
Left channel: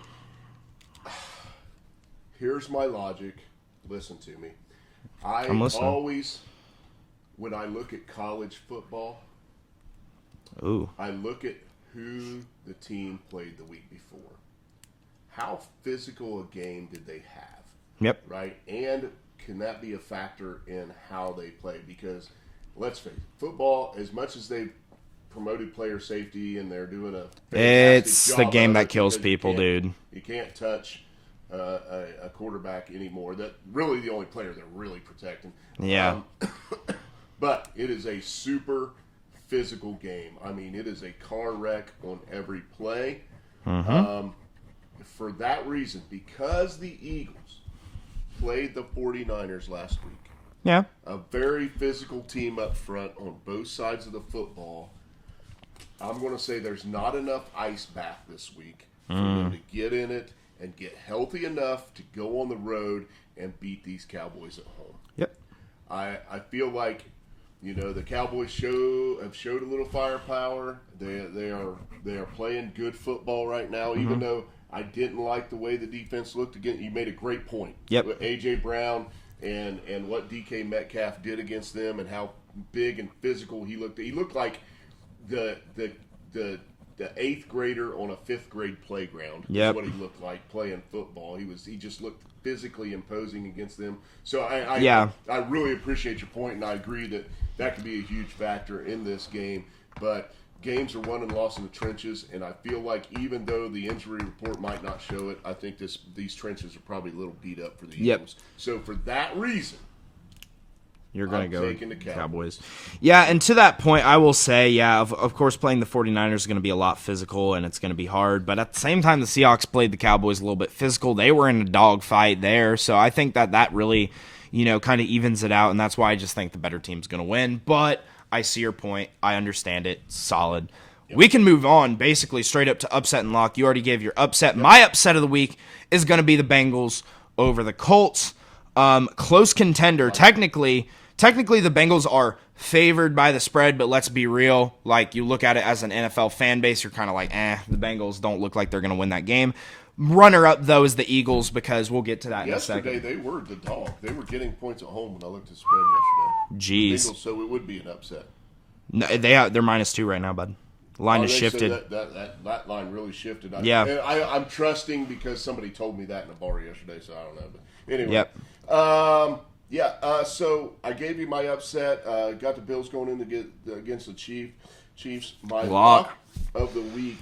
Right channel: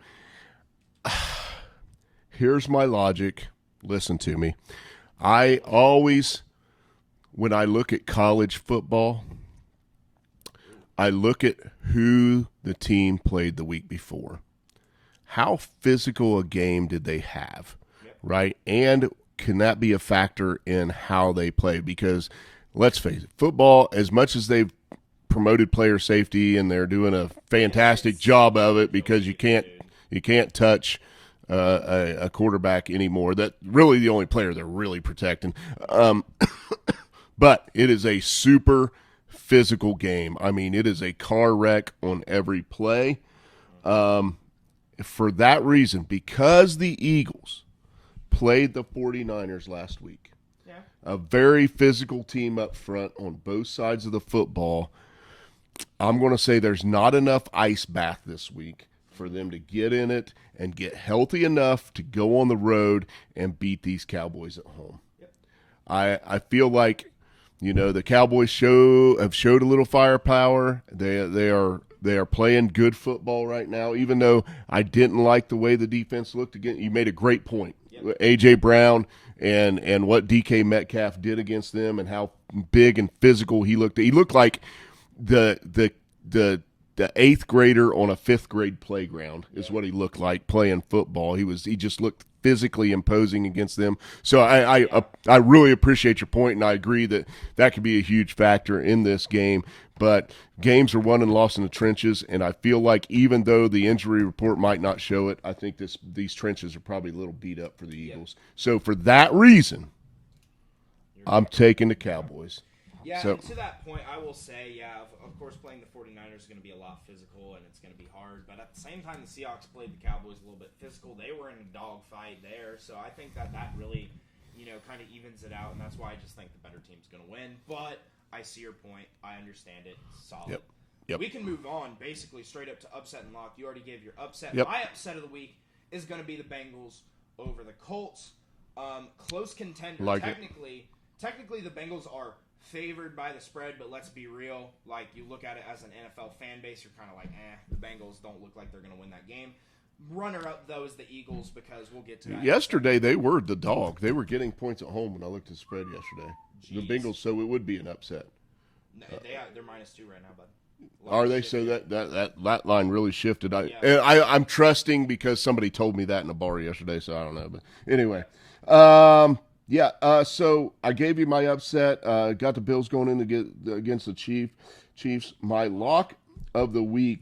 here's my logic. Listen to me. I always, when I look at college football, I look at who the team played the week before. How physical a game did they have? Yep. Right? And can that be a factor in how they play? Because let's face it, football, as much as they've promoted player safety and they're doing a fantastic job of it, because you can't touch a quarterback anymore. That really the only player they're really protecting. Yeah. But it is a super physical game. I mean, it is a car wreck on every play. For that reason, because the Eagles played the 49ers last week, a very physical team up front on both sides of the football, I'm going to say there's not enough ice bath this week for them to get in it and get healthy enough to go on the road and beat these Cowboys at home. Yep. I feel like, the Cowboys have showed a little firepower. They are playing good football right now, even though I didn't like the way the defense looked again. You made a great point. Yep. A.J. Brown and what DK Metcalf did against them and how big and physical he looked. He looked like the eighth grader on a fifth grade playground. Is what he looked like playing football. He just looked physically imposing against them. So I really appreciate your point, and I agree that could be a huge factor in this game. But games are won and lost in the trenches, and I feel like even though the injury report might not show it, I think these trenches are probably a little beat up for the Eagles. So for that reason, I'm taking the Cowboys. Yeah, and to that point, I will say, of course, playing the 49ers is going to be a lot physical, and it's going to be hard. But at the same time, the Seahawks played the Cowboys a little bit physical. They were in a dogfight there. So I think that really, kind of evens it out, and that's why I just think the better team's going to win. But I see your point. I understand it. Solid. Yep. We can move on basically straight up to upset and lock. You already gave your upset. Yep. My upset of the week is going to be the Bengals over the Colts. Close contender. Technically, the Bengals are favored by the spread, but let's be real. Like, you look at it as an NFL fan base, you're kind of like, the Bengals don't look like they're going to win that game. Runner-up, though, is the Eagles, because we'll get to that yesterday. They were the dog. They were getting points at home when I looked at the spread yesterday. Jeez. Eagles, so it would be an upset. No, they're -2 right now, bud. Line has shifted. So that line really shifted. I'm trusting because somebody told me that in a bar yesterday, so I don't know. But anyway. Yep. So I gave you my upset. Got the Bills going in to get against the Chiefs. My lock of the week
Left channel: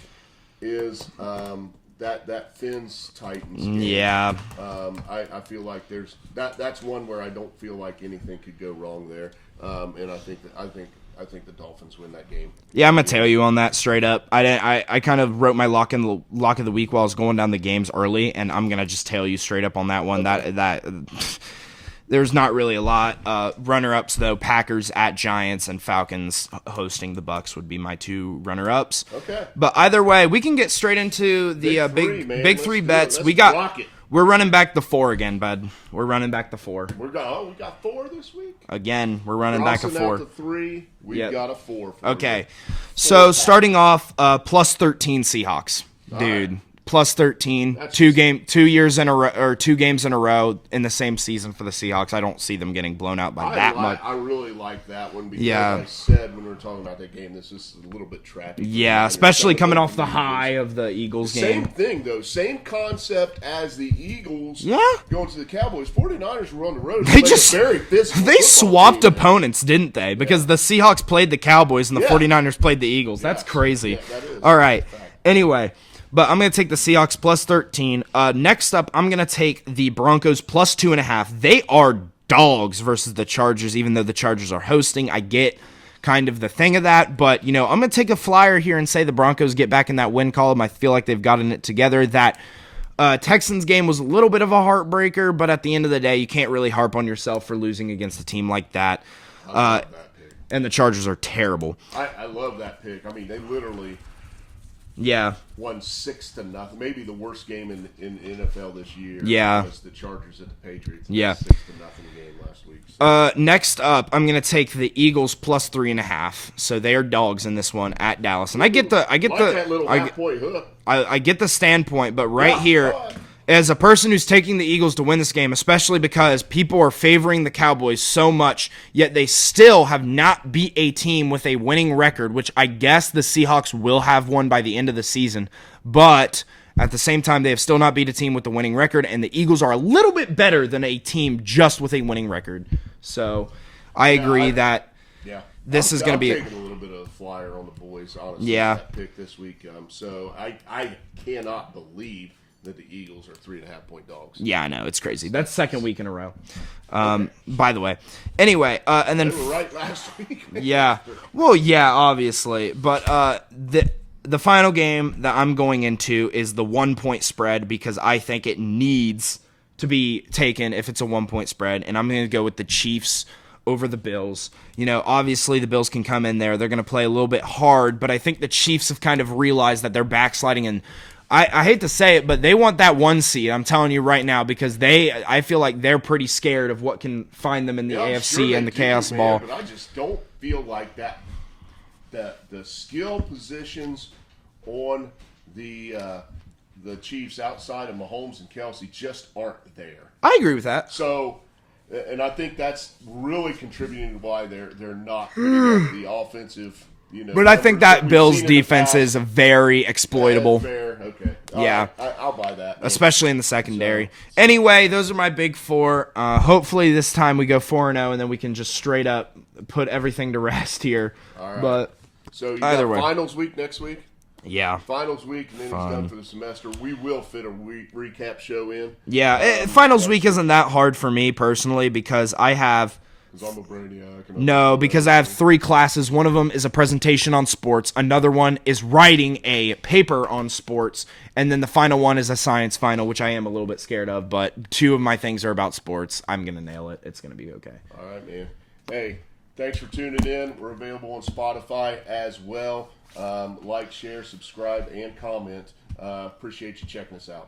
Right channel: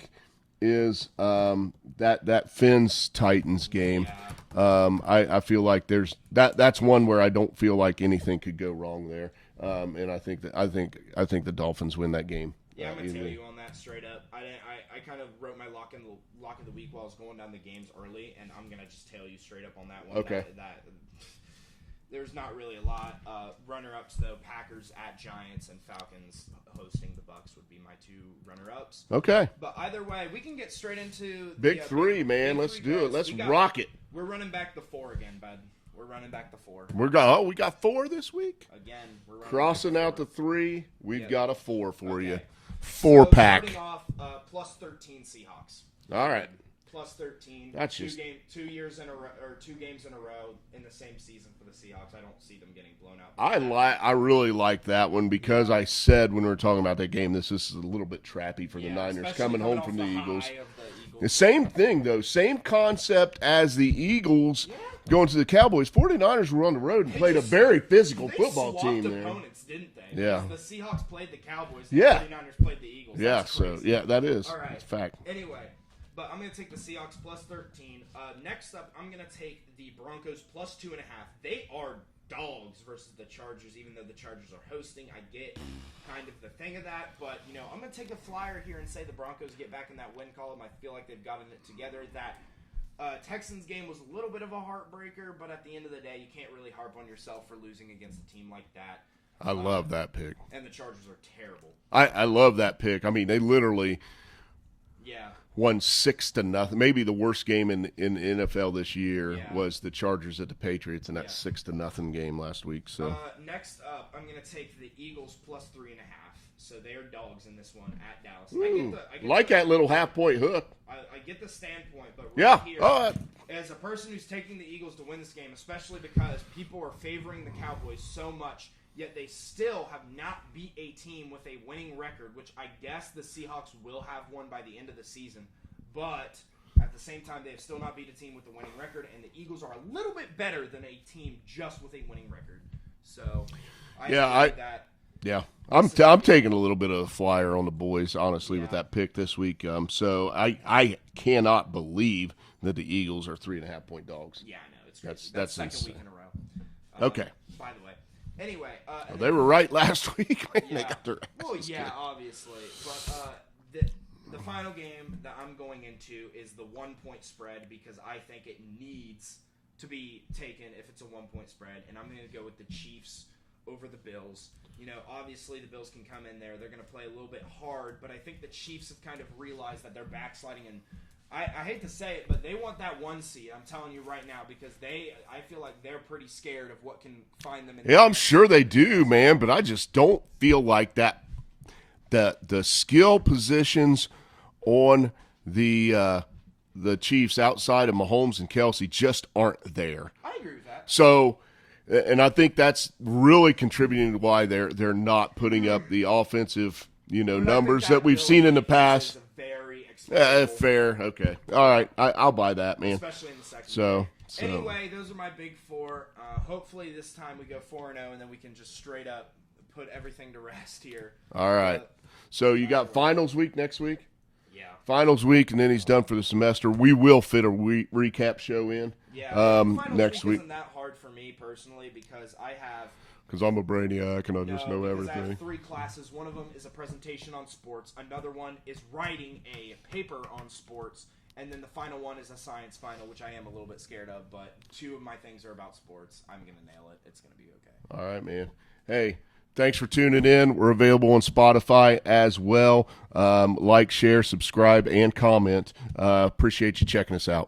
is that Fins Titans game. Yeah. I feel like that's one where I don't feel like anything could go wrong there. And I think the Dolphins win that game. Yeah, I'm gonna tell you on that straight up. I kind of wrote my lock of the week while I was going down the games early, and I'm gonna just tell you straight up on that one. Okay. That there's not really a lot. Runner-ups though, Packers at Giants and Falcons hosting the Bucks would be my two runner-ups. Okay. But either way, we can get straight into the big three bets. We're running back the 4 again, bud. We're running back the 4. We got 4 this week? Again, we're running back a 4. Out to 3. We've got a 4 for you. Okay. So starting off, plus 13 Seahawks. Dude. Right. plus 13, That's 2 years in a row, or 2 games in a row in the same season for the Seahawks. I don't see them getting blown out by that much. I really like that one because I said when we were talking about that game, this is a little bit trappy. Yeah, especially coming off the high of the Eagles game. Same thing, though. Same concept as the Eagles going to the Cowboys. 49ers were on the road. They just very physical. They swapped opponents, didn't they? Because the Seahawks played the Cowboys and the 49ers played the Eagles. That's crazy. Yeah, that is. All right. Anyway. But I'm going to take the Seahawks plus 13. Next up, I'm going to take the Broncos plus 2.5. They are dogs versus the Chargers, even though the Chargers are hosting. I get kind of the thing of that. But, I'm going to take a flyer here and say the Broncos get back in that win column. I feel like they've gotten it together. That Texans game was a little bit of a heartbreaker, but at the end of the day, you can't really harp on yourself for losing against a team like that. I love that pick. And the Chargers are terrible. I love that pick. I mean, they literally... won 6-0. Maybe the worst game in NFL this year was the Chargers at the Patriots. And that 6-0 game last week. So. Next up, I'm gonna take the Eagles plus 3.5. So they are dogs in this one at Dallas. And I get that little half-point hook. I get the standpoint, but here. As a person who's taking the Eagles to win this game, especially because people are favoring the Cowboys so much, yet they still have not beat a team with a winning record, which I guess the Seahawks will have one by the end of the season. But at the same time, they have still not beat a team with a winning record, and the Eagles are a little bit better than a team just with a winning record. So I agree that this is going to be... I'm taking a little bit of a flyer on the boys, honestly, that pick this week. So I cannot believe that the Eagles are 3.5-point dogs. Yeah, I know. It's crazy. That's second week in a row. By the way. Anyway, and then... They were right last week. Man. Yeah. Well, yeah, obviously. But the final game that I'm going into is the 1-point spread because I think it needs to be taken if it's a 1-point spread. And I'm going to go with the Chiefs over the Bills. Obviously the Bills can come in there. They're going to play a little bit hard. But I think the Chiefs have kind of realized that they're backsliding and I hate to say it, but they want that 1 seed. I'm telling you right now because I feel like they're pretty scared of what can find them in the AFC I'm sure they and the do, chaos man. ball. But I just don't feel like that. The skill positions on the Chiefs outside of Mahomes and Kelsey just aren't there. I agree with that. So, and I think that's really contributing to why they're not putting up the offensive. But I think that Bills defense is very exploitable. Fair, okay. All right. I'll buy that. Man. Especially in the secondary. Anyway, those are my big 4. Hopefully this time we go 4-0, and then we can just straight up put everything to rest here. All right. But so you got finals week next week? Yeah. Finals week, and then he's done for the semester. We will fit a recap show in. Yeah, finals week isn't that hard for me personally because I have... Because I'm a brainiac. No, because I have 3 classes. One of them is a presentation on sports. Another one is writing a paper on sports. And then the final one is a science final, which I am a little bit scared of. But 2 of my things are about sports. I'm going to nail it. It's going to be okay. All right, man. Hey, thanks for tuning in. We're available on Spotify as well. Like, share, subscribe, and comment. Appreciate you checking us out.